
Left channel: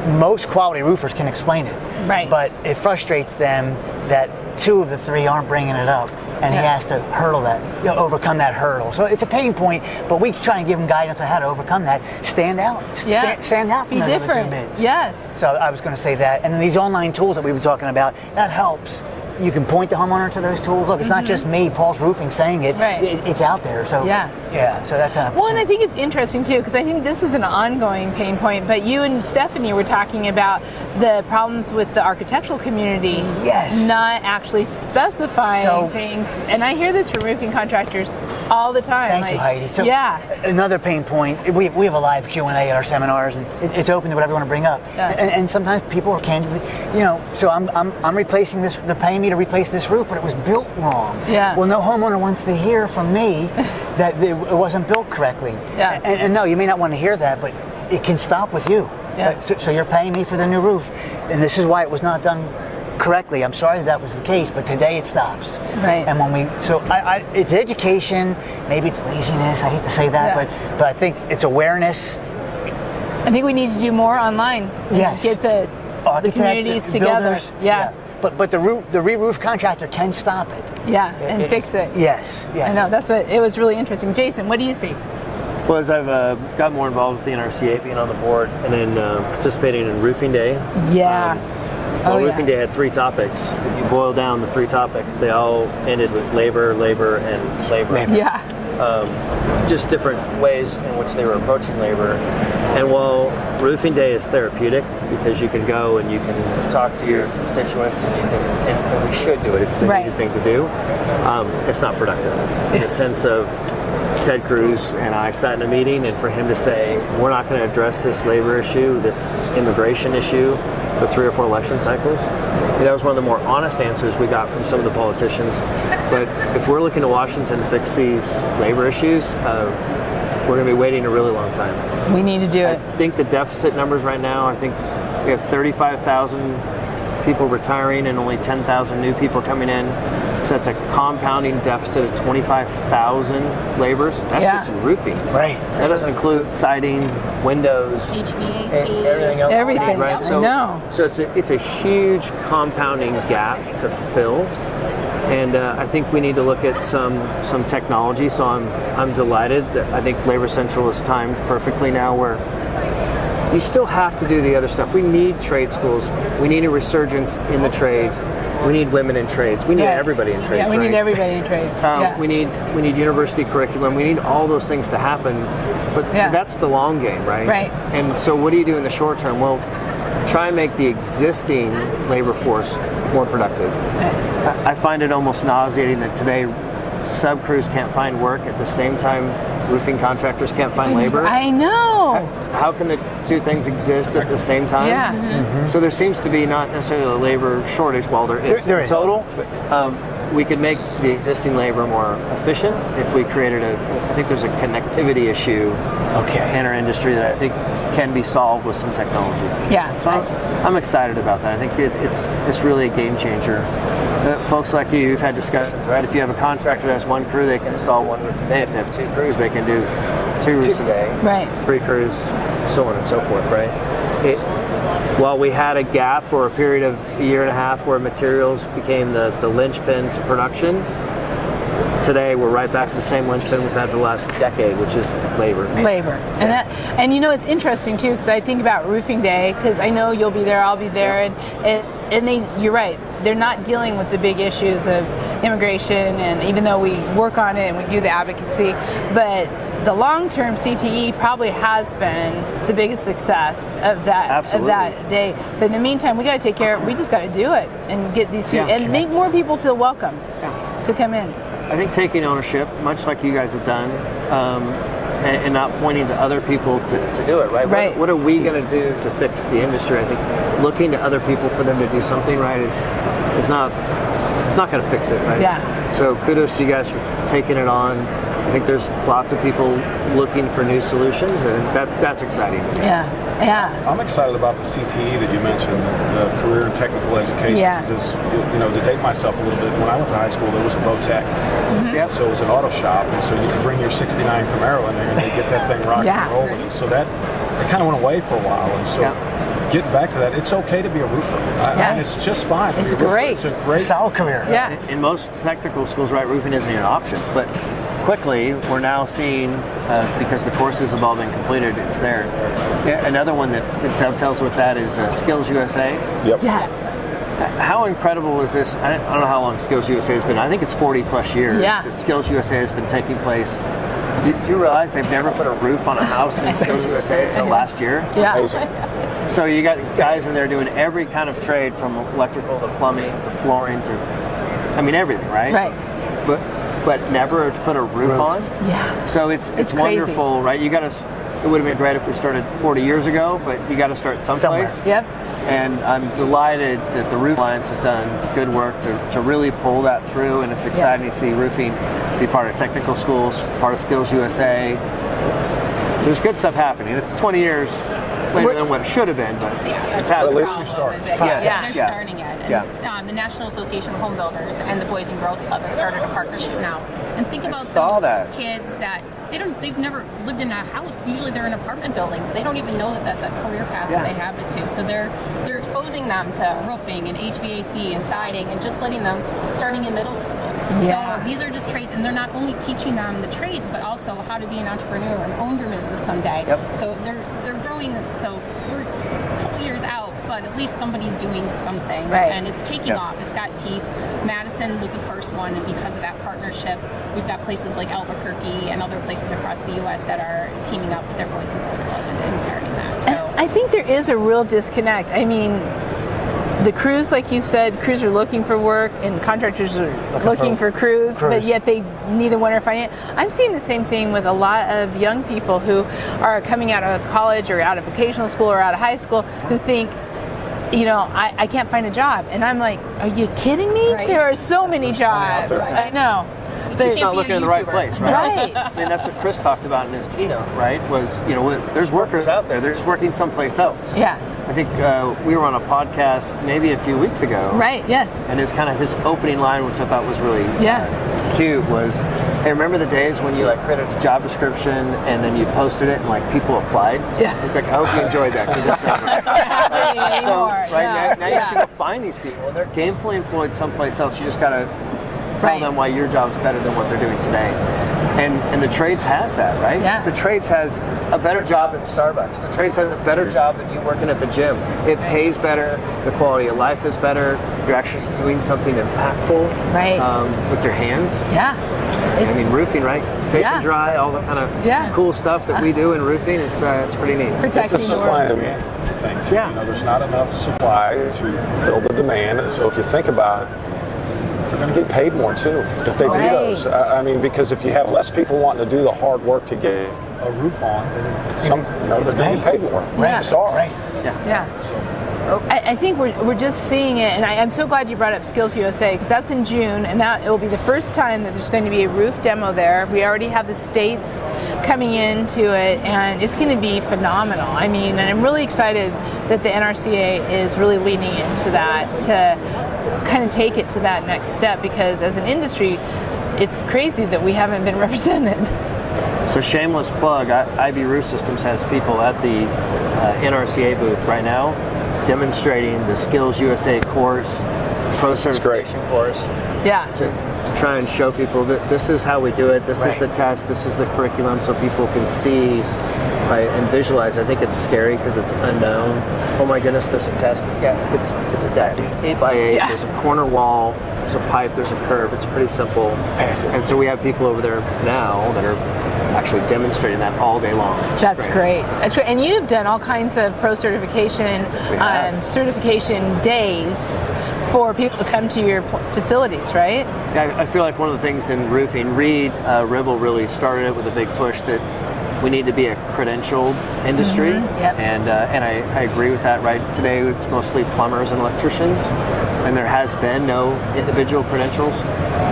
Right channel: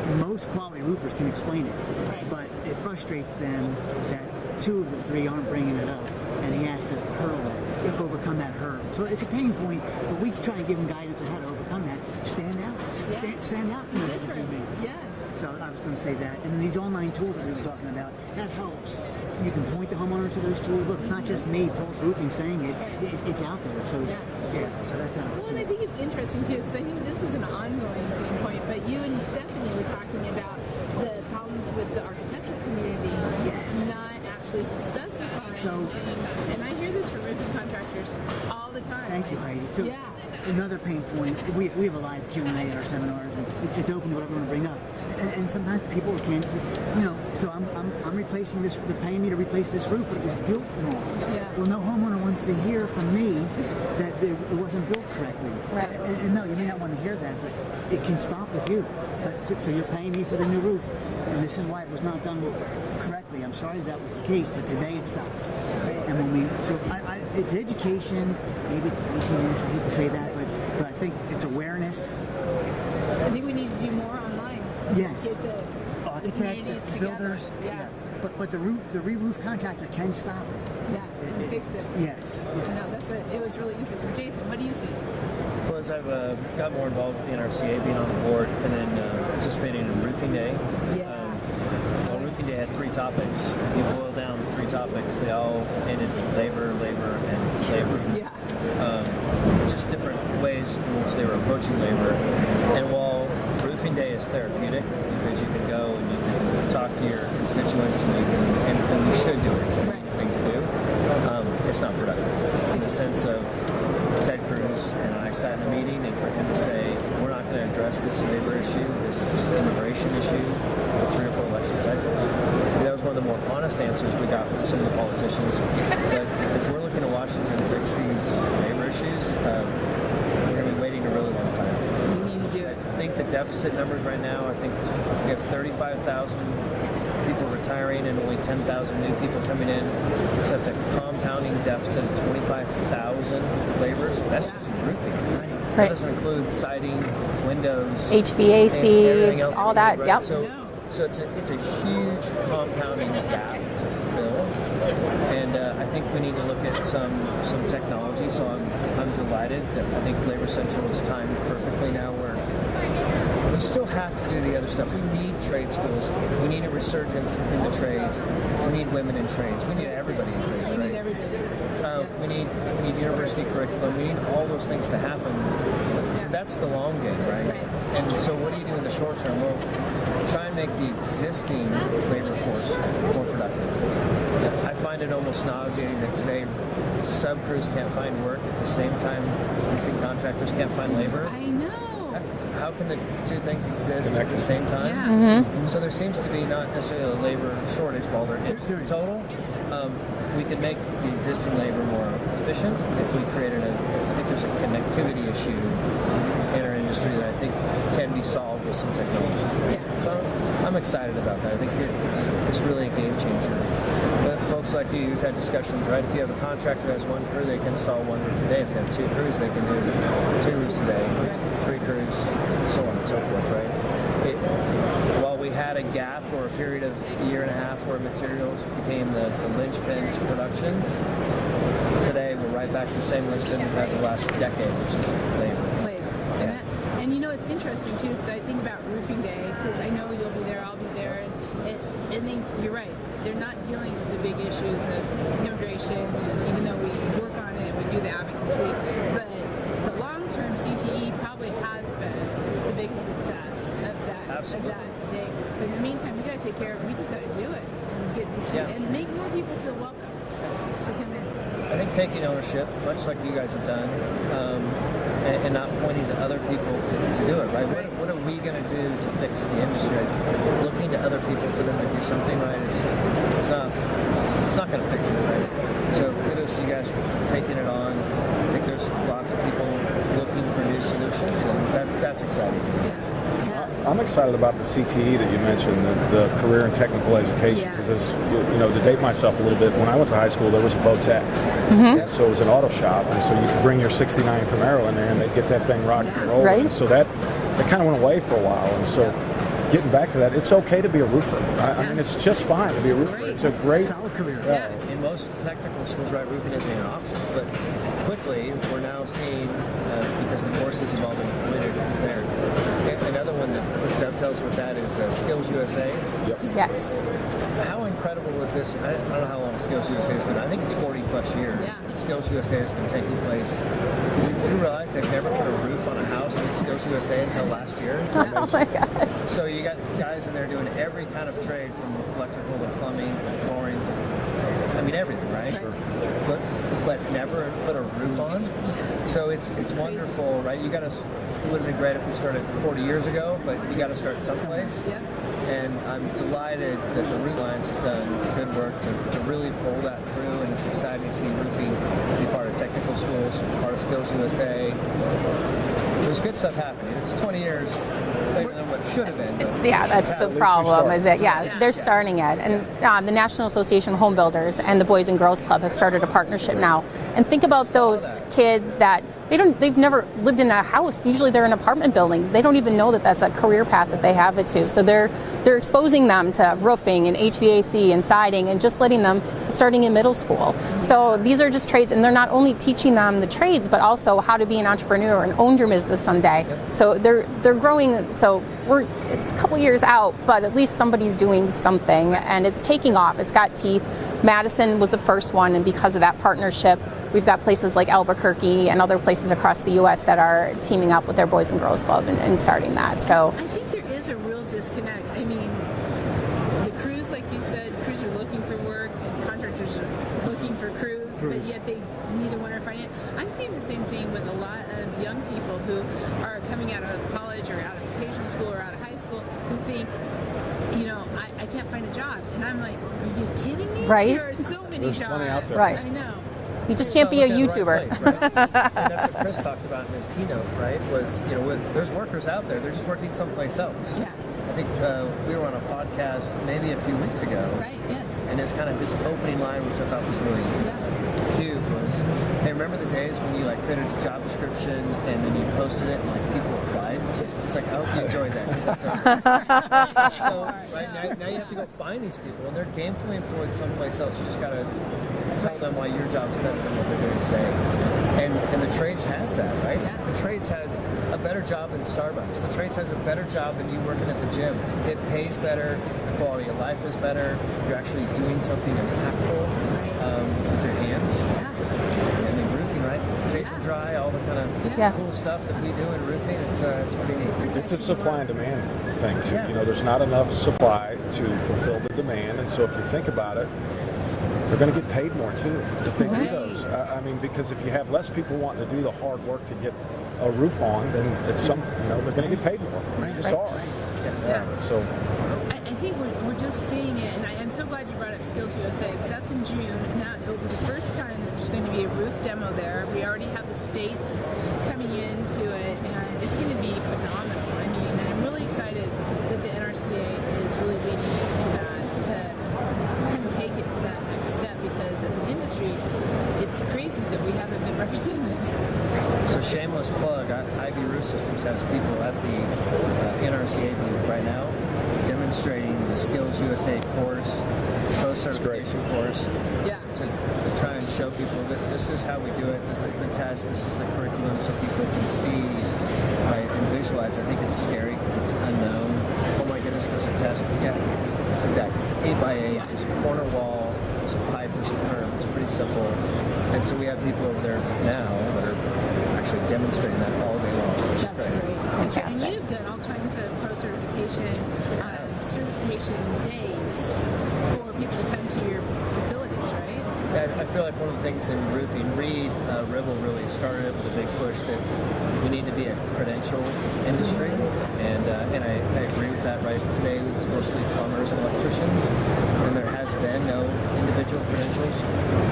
Most quality roofers can explain it. Right. But it frustrates them that 2 of the 3 aren't bringing it up. And he has to hurdle that, overcome that hurdle. So it's a pain point, but we try and give him guidance on how to overcome that. Stand out. Stand out from those other 2 bids. Yes. So I was going to say that. And then these online tools that we were talking about, that helps. You can point the homeowner to those tools. Look, it's not just me, Paul's Roofing, saying it. Right. It's out there. So so that's an Well, and I think it's interesting too, because I think this is an ongoing pain point. But you and Stephanie were talking about the problems with the architectural community not actually specifying things. And I hear this from roofing contractors all the time. Thank you, Heidi. So another pain point, we have a live Q&A at our seminars, and it's open to whatever you want to bring up. And sometimes people are candidly, so I'm replacing this, they're paying me to replace this roof, but it was built wrong. Well, no homeowner wants to hear from me that it wasn't built correctly. And no, you may not want to hear that, but it can stop with you. So you're paying me for the new roof, and this is why it was not done correctly. I'm sorry that was the case, but today it stops. Right. And it's education, maybe it's laziness, I hate to say that, but I think it's awareness. I think we need to do more online. Yes. Get the communities together. Builders, But the re-roof contractor can stop it. And fix it. Yes. I know, it was really interesting. Jason, what do you see? Well, as I've got more involved with the NRCA, being on the board, and then participating in Roofing Day. Roofing Day had 3 topics. If you boil down the 3 topics, they all ended with labor, and labor. Just different ways in which they were approaching labor. And while Roofing Day is therapeutic, because you can go and you can talk to your constituents, and we should do it, it's the needed thing to do, it's not productive. In the sense of Ted Cruz and I sat in a meeting, and for him to say, we're not going to address this labor issue, this immigration issue, for 3 or 4 election cycles, that was one of the more honest answers we got from some of the politicians. But if we're looking to Washington to fix these labor issues, we're going to be waiting a really long time. We need to do it. I think the deficit numbers right now, I think we have 35,000 people retiring and only 10,000 new people coming in. So that's a compounding deficit of 25,000 laborers. That's just in roofing. Right. That doesn't include siding, windows, HVAC, everything else. Everything. Right? So it's a huge compounding gap to fill. And I think we need to look at some technology. So I'm delighted that I think Labor Central is timed perfectly now, where you still have to do the other stuff. We need trade schools. We need a resurgence in the trades. We need women in trades. We need Right. everybody in trades. Yeah, we right? need everybody in trades. We need university curriculum. We need all those things to happen, but Yeah. that's the long game, right? Right. And so, what do you do in the short term? Well, try and make the existing labor force more productive. I find it almost nauseating that today sub crews can't find work at the same time roofing contractors can't find labor. I know. How can the two things exist at the same time? Yeah. Mm-hmm. So there seems to be not necessarily a labor shortage, while there is There in is. total. We could make the existing labor more efficient if we created I think there's a connectivity issue in our industry that I think can be solved with some technology. Yeah. So I'm excited about that. I think it's really a game changer. Folks like you've had discussions, right? If you have a contractor that has one crew, they can install one roof a day. If they have two crews, they can do two roofs a day. Right. Three crews, so on and so forth, right? While we had a gap or a period of a year and a half where materials became the linchpin to production, today we're right back to the same linchpin we've had for the last decade, which is labor. And you know, it's interesting too, because I think about roofing day, because I know you'll be there, I'll be there, and you're right, they're not dealing with the big issues of immigration, and even though we work on it and we do the advocacy, but the long-term CTE probably has been the biggest success of that day. But in the meantime, we got to take care of. We just got to do it and get these people and make more people feel welcome to come in. I think taking ownership, much like you guys have done, and not pointing to other people to do it, right? Right. What are we going to do to fix the industry? I think looking to other people for them to do something right is not going to fix it, right? Yeah. So kudos to you guys for taking it on. I think there's lots of people looking for new solutions, and that's exciting. Yeah. I'm excited about the CTE that you mentioned, the career and technical education. Yeah. Because, to date myself a little bit, when I went to high school, there was a Votech. Yep. So it was an auto shop, and so you could bring your 69 Camaro in there and they get that thing rocking and rolling. right. And so that kind of went away for a while. And so getting back to that, it's okay to be a roofer. I mean, it's just fine to be a roofer. Great. It's a great solid career. Yeah. In most technical schools, right, roofing isn't even an option. But quickly, we're now seeing, because the courses have all been completed, it's there. Another one that dovetails with that is Skills USA. Yep. Yes. How incredible is this? I don't know how long Skills USA has been. I think it's 40 plus years that Skills USA has been taking place. Did you realize they've never put a roof on a house in Skills USA until last year? Yeah. Oh my gosh. So you got guys in there doing every kind of trade, from electrical to plumbing to flooring to, everything, right? Right. But never to put a roof on. Yeah. So it's crazy. wonderful, right? You got to. It would have been great if we started 40 years ago, but you got to start someplace. Yep. And I'm delighted that the Roof Alliance has done good work to really pull that through, and it's exciting to see roofing be part of technical schools, part of Skills USA. There's good stuff happening. It's 20 years later than what it should have been, but Yeah, that's it's the happening. problem. Is that they're Yeah. starting it, and Yeah. the National Association of Home Builders and the Boys and Girls Club have started a partnership now. And think about saw those that. kids that they've never lived in a house. Usually they're in apartment buildings. They don't even know that that's a career path that they have it to. So they're exposing them to roofing and HVAC and siding, and just letting them starting in middle school. So these are just trades, and they're not only teaching them the trades, but also how to be an entrepreneur and own your business someday. Yep. So they're growing. So it's a couple years out, but at least somebody's doing something, and it's taking off. It's got teeth. Madison was the first one, and because of that partnership, we've got places like Albuquerque and other places across the U.S. that are teaming up with their Boys and Girls Club and starting that. So I think there is a real disconnect. I mean, the crews, like you said, crews are looking for work, and contractors are looking for crews, but yet they neither one are finding it. I'm seeing the same thing with a lot of young people who are coming out of college or out of vocational school or out of high school who think, I can't find a job. And I'm like, are you kidding me? Right. There are so many jobs. Right. I know. you just can't not be a looking in the right YouTuber. place, right? Right. And that's what Chris talked about in his keynote, right? Was, there's workers out there, they're just working someplace else. Yeah. I think we were on a podcast maybe a few weeks ago. Right, yes. And his opening line, which I thought was really cute, was, hey, remember the days when you created a job description and then you posted it and people applied? Yeah. It's like, I hope you enjoyed that, because it's so now you have to go find these people, and they're gainfully employed someplace else. You just got to tell them why your job's better than what they're doing today. And the trades has that, right? Yeah. The trades has a better job than Starbucks. The trades has a better job than you working at the gym. It pays better. The quality of life is better. You're actually doing something impactful with your hands. Yeah. I mean, roofing, right? Safe and dry, all the kind of cool stuff that we do in roofing. It's pretty neat. It's a supply and demand thing too. You know, there's not enough supply to fulfill the demand. So if you think about it, they're going to get paid more too if they do those. I mean, because if you have less people wanting to do the hard work to get a roof on, then it's they're going to get paid more. Right. Sorry. Yeah. So I think we're just seeing it, and I'm so glad you brought up Skills USA, because that's in June, and that it will be the first time that there's going to be a roof demo there. We already have the states coming into it, and it's going to be phenomenal. I mean, and I'm really excited that the NRCA is really leaning into that to kind of take it to that next step, because as an industry, it's crazy that we haven't been represented. So shameless plug, IB Roof Systems has people at the NRCA booth right now demonstrating the Skills USA course, pro certification course. Yeah. To try and show people that this is how we do it, this is the test, this is the curriculum, so people can see and visualize. I think it's scary because it's unknown. Oh my goodness, there's a test. Yeah, it's a deck. It's 8x8. Yeah. There's a corner wall. There's a pipe. There's a curb. It's pretty simple. And so we have people over there now that are actually demonstrating that all day long. That's great. That's great. And you've done all kinds of pro certification certification days for people to come to your facilities, right? Yeah, I feel like one of the things in roofing, Reed Ribble really started it with a big push that we need to be a credentialed industry, and I agree with that. Right today, it's mostly plumbers and electricians, and there has been no individual credentials.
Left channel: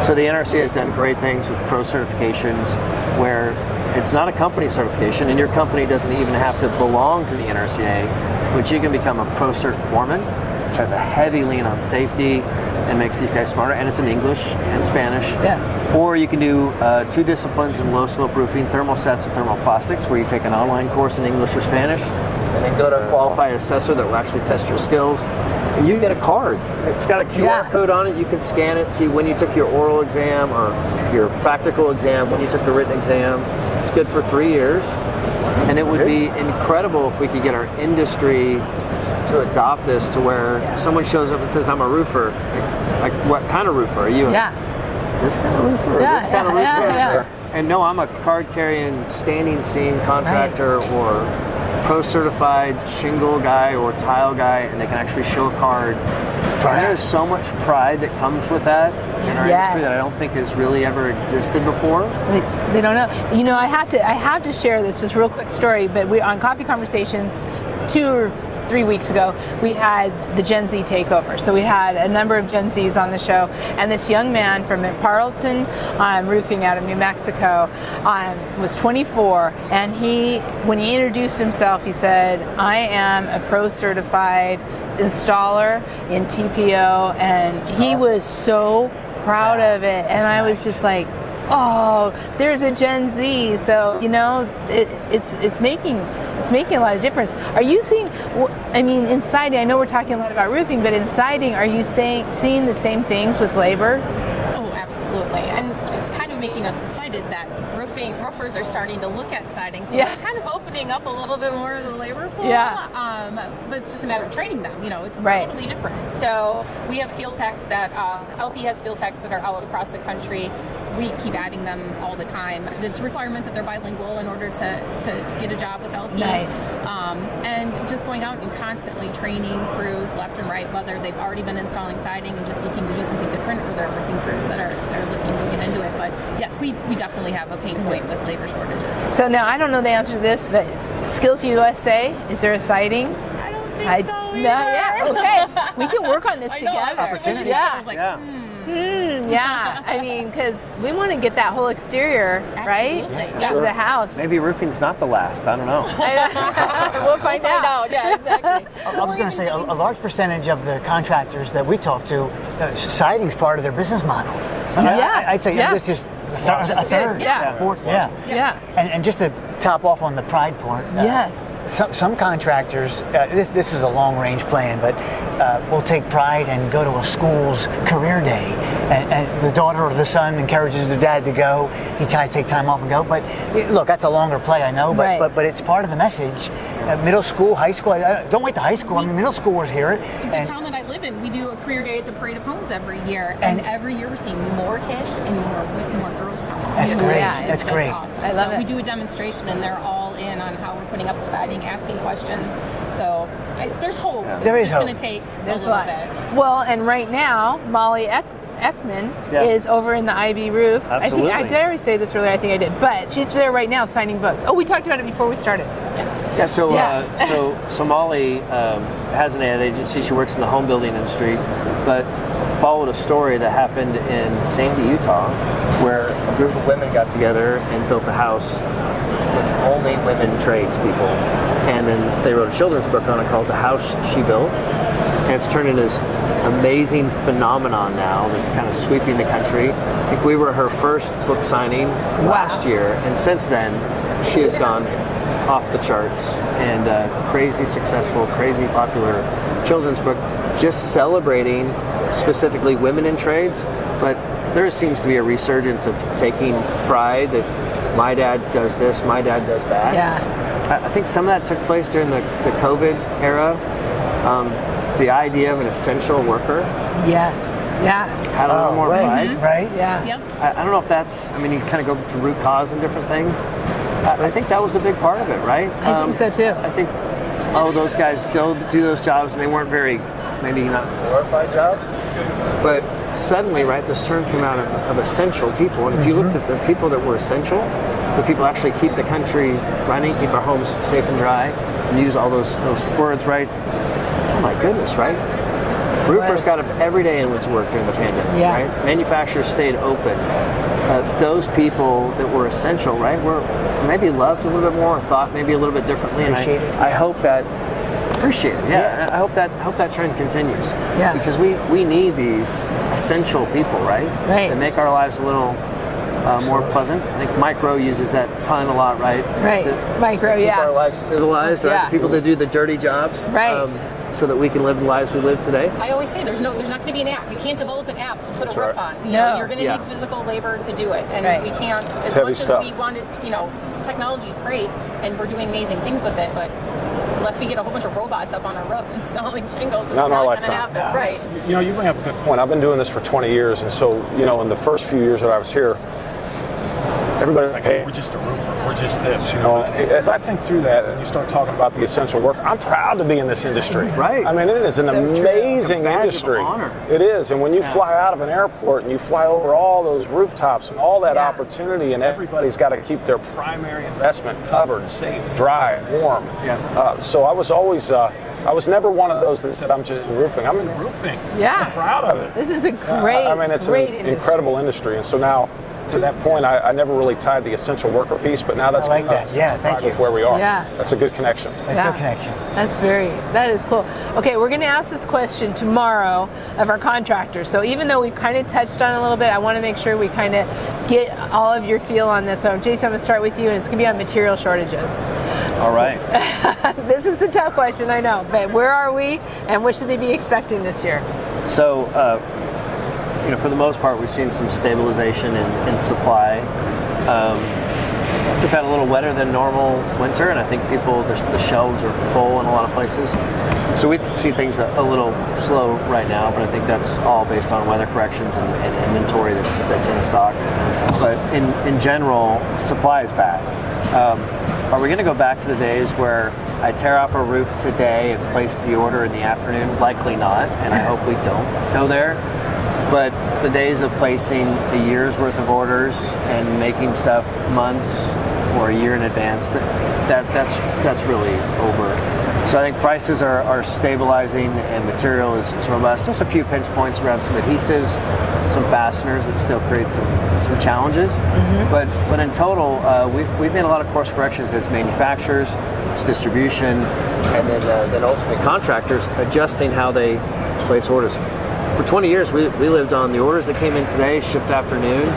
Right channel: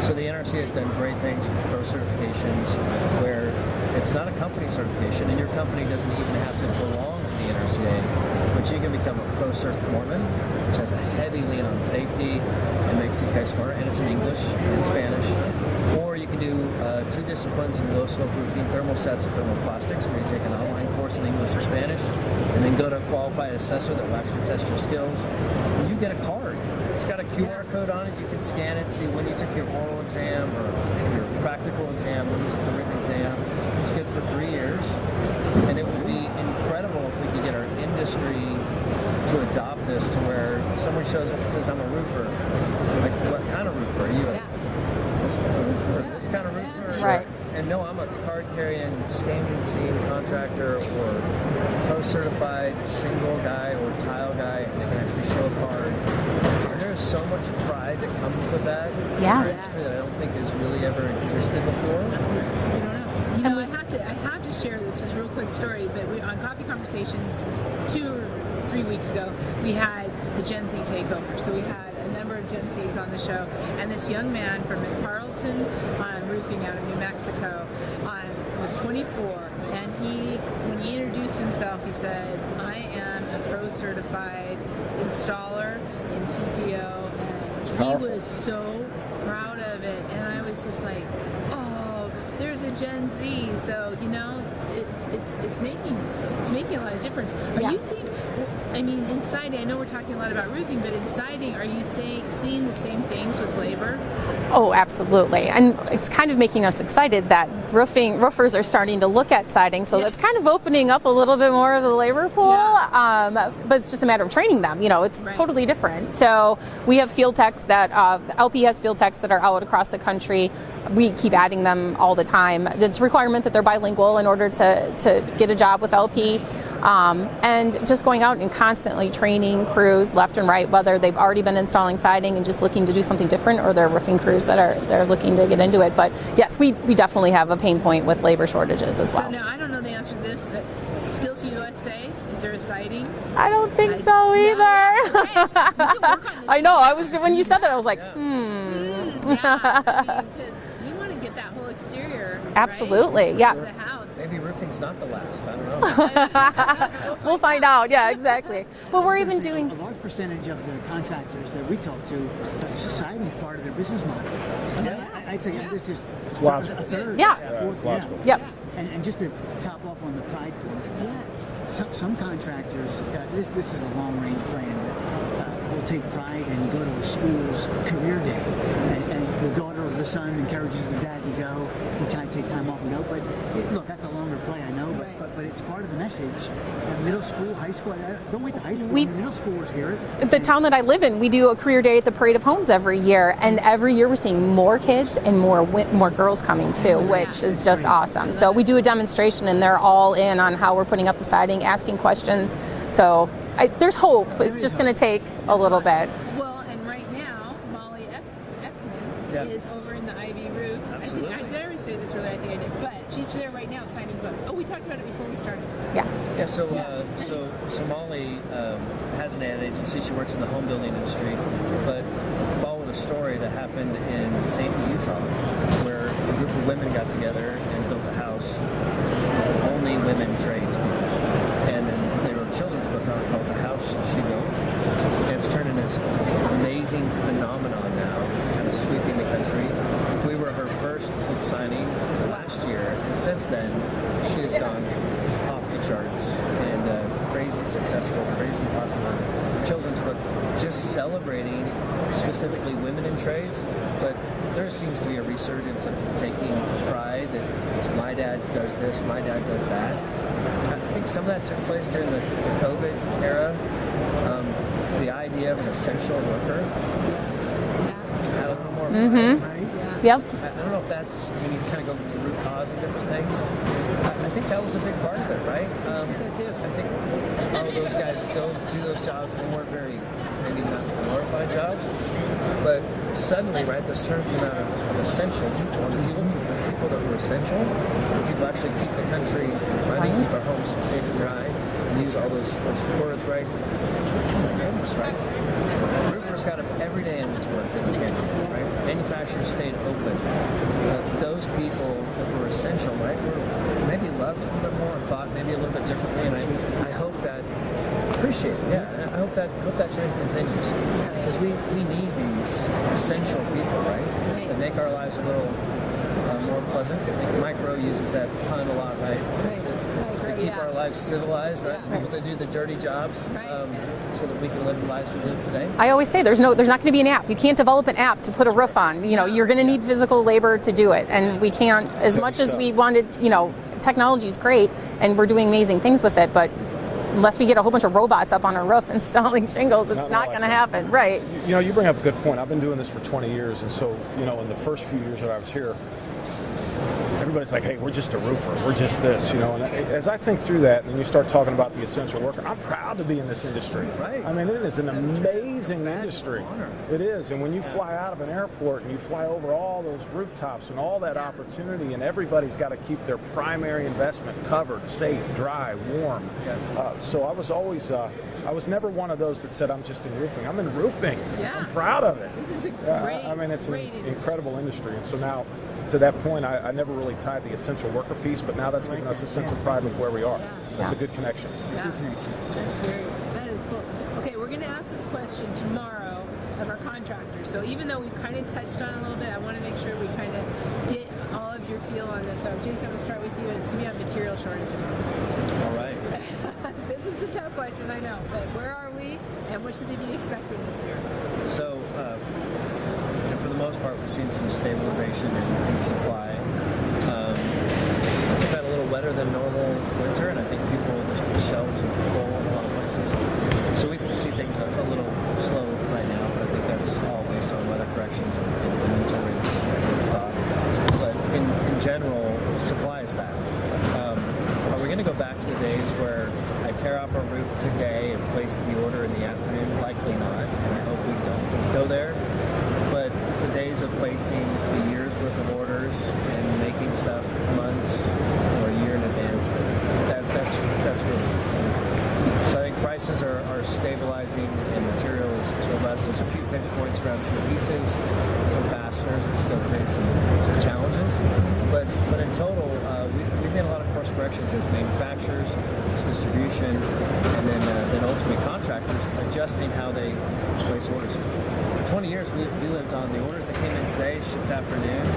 So the NRC has done great things with pro certifications, where it's not a company certification, and your company doesn't even have to belong to the NRCA, but you can become a pro cert foreman, which has a heavy lean on safety and makes these guys smarter, and it's in English and Spanish. Or you can do 2 disciplines in low slope roofing, thermosets and thermoplastics, where you take an online course in English or Spanish, and then go to a qualified assessor that will actually test your skills. And you get a card. It's got a QR code on it. You can scan it, see when you took your oral exam or your practical exam, when you took the written exam. It's good for 3 years. And it would be incredible if we could get our industry to adopt this to where someone shows up and says, I'm a roofer. Like, what kind of roofer are you? This kind of roofer? Or this kind of roofer? And no, I'm a card-carrying standing seam contractor or pro-certified shingle guy or tile guy, and they can actually show a card. And there's so much pride that comes with that in our industry that I don't think has really ever existed before. They don't know. You know, I have to share this just real quick story. But we on Coffee Conversations 2 or 3 weeks ago, we had the Gen Z takeover. So we had a number of Gen Zs on the show, and this young man from Parleton Roofing out of New Mexico was 24, and when he introduced himself, he said, I am a pro certified installer in TPO, and he was so proud of it, and I was just like, oh, there's a Gen Z. So, you know, it's making a lot of difference. Are you seeing, I mean, in siding, I know we're talking a lot about roofing, but in siding, are you seeing the same things with labor? Oh, absolutely. And it's kind of making us excited that roofers are starting to look at siding. So it's kind of opening up a little bit more of the labor pool. But it's just a matter of training them. You know, it's totally different. So we have field techs that, LP has field techs that are out across the country. We keep adding them all the time. It's a requirement that they're bilingual in order to get a job with LP. Nice. And just going out and constantly training crews left and right, whether they've already been installing siding and just looking to do something different, or they're roofing crews that are looking to get into it. But yes, we definitely have a pain point with labor shortages as well. So now, I don't know the answer to this, but Skills USA, is there a siding? I don't think so either. Okay, we can work on this. I know. Together. When you said that, I was like, Yeah, I mean, because we want to get that whole exterior, absolutely, right? To the house. Maybe roofing's not the last. I don't know. We'll find out. Yeah, exactly. I was going to say, a large percentage of the contractors that we talk to, siding's part of their business model. I'd say this is A third, Yeah. a fourth, yeah. Yeah. And just to top off on the pride part, Yes. some contractors, this is a long-range plan, but will take pride and go to a school's career day, and the daughter or the son encourages the dad to go. He tries to take time off and go, but look, that's a longer play, I know, Right. but it's part of the message. Middle school, high school, don't wait to high school. Middle schoolers hear it. The town that I live in, we do a career day at the Parade of Homes every year, and every year we're seeing more kids and more girls coming too, That's great. which That's is just great. awesome. I love So it. we do a demonstration, and they're all in on how we're putting up the siding, asking questions. So there's hope. There It's is just going hope. to take There's a little lot. bit. Well, and right now, Molly Ekman Yeah. is over in the Ivy roof. Absolutely. Did I already say this earlier? I think I did. But she's there right now signing books. Oh, we talked about it before we started. Yeah. Yeah, so Yes. so Molly has an ad agency. She works in the home building industry, but followed a story that happened in Sandy, Utah, where a group of women got together and built a house with only women tradespeople, and then they wrote a children's book on it called "The House She Built," and it's turned into this amazing phenomenon now that's kind of sweeping the country. I think we were her first book signing last year, and since then she has gone off the charts, and crazy successful, crazy popular children's book, just celebrating specifically women in trades. But there seems to be a resurgence of taking pride that my dad does this, my dad does that. Yeah. I think some of that took place during the COVID era. The idea of an essential worker Yes. Yeah. had a little more right, pride. right. Yeah. Yep. I don't know if that's, I mean, you kind of go to root cause and different things. I think that was a big part of it, right? I think so too. I think, those guys still do those jobs, and they weren't very, maybe not glorified jobs. But suddenly, right, this term came out of essential people. And if you looked at the people that were essential, the people who actually keep the country running, keep our homes safe and dry, and use all those words, right? Oh my goodness, right? Roofers got up every day and went to work during the pandemic, Yeah. right? Manufacturers stayed open. Those people that were essential, right, were maybe loved a little bit more, thought maybe a little bit differently. Appreciated. And I hope that appreciated. Yeah. I hope that trend continues. Yeah. Because we need these essential people, right? Right. That make our lives a little more pleasant. I think Micro uses that pun a lot, right? Right. That Micro, keep yeah. our lives civilized, right? Yeah. The people that do the dirty jobs, Right. So that we can live the lives we live today. I always say there's not going to be an app. You can't develop an app to put a roof on. You know, No. you're going to Yeah. need physical labor to do it, and Right. we can't. As Heavy much as stuff. we wanted, technology is great, and we're doing amazing things with it, but unless we get a whole bunch of robots up on our roof installing shingles, it's Not in not our going to lifetime. happen. Right. You bring up a good point. I've been doing this for 20 years, and so, in the first few years that I was here, everybody's like, hey, we're just a roofer. We're just this, As I think through that and you start talking about the essential worker, I'm proud to be in this industry. Right. I mean, it is an So true. amazing Badge of industry. honor. It is. And when you fly out of an airport and you fly over all those rooftops and all that Yeah. opportunity, and everybody's got to keep their primary investment covered, safe, dry, warm. Yeah. So I was always, I was never one of those that said, I'm just in roofing. I'm in roofing. Yeah. I'm proud of it. This is a Yeah, great, I mean, it's an great industry. incredible industry. And so now, to that point, I never really tied the essential worker piece, but now that's I like given us that. a sense Yeah, of thank pride you. with where we are. Yeah. That's a good connection. That's a good connection. That is cool. Okay, we're going to ask this question tomorrow of our contractors. So even though we've kind of touched on it a little bit, I want to make sure we kind of get all of your feel on this. So Jason, I'm going to start with you, and it's going to be on material shortages. All right. This is the tough question, I know, but where are we, and what should they be expecting this year? So, for the most part, we've seen some stabilization in supply. We've had a little wetter than normal winter, and I think the shelves are full in a lot of places. So we see things a little slow right now, but I think that's all based on weather corrections and inventory that's in stock. But in general, supply is bad. Are we going to go back to the days where I tear off a roof today and place the order in the afternoon? Likely not, and I hope we don't go there. But the days of placing a year's worth of orders and making stuff months or a year in advance, that's really over. So I think prices are stabilizing and material is robust. Just a few pinch points around some adhesives, some fasteners that still create some challenges. Mm-hmm. But in total, we've made a lot of course corrections as manufacturers, as distribution, and then ultimately contractors adjusting how they place orders. for 20 years, we lived on the orders that came in today, shipped afternoon,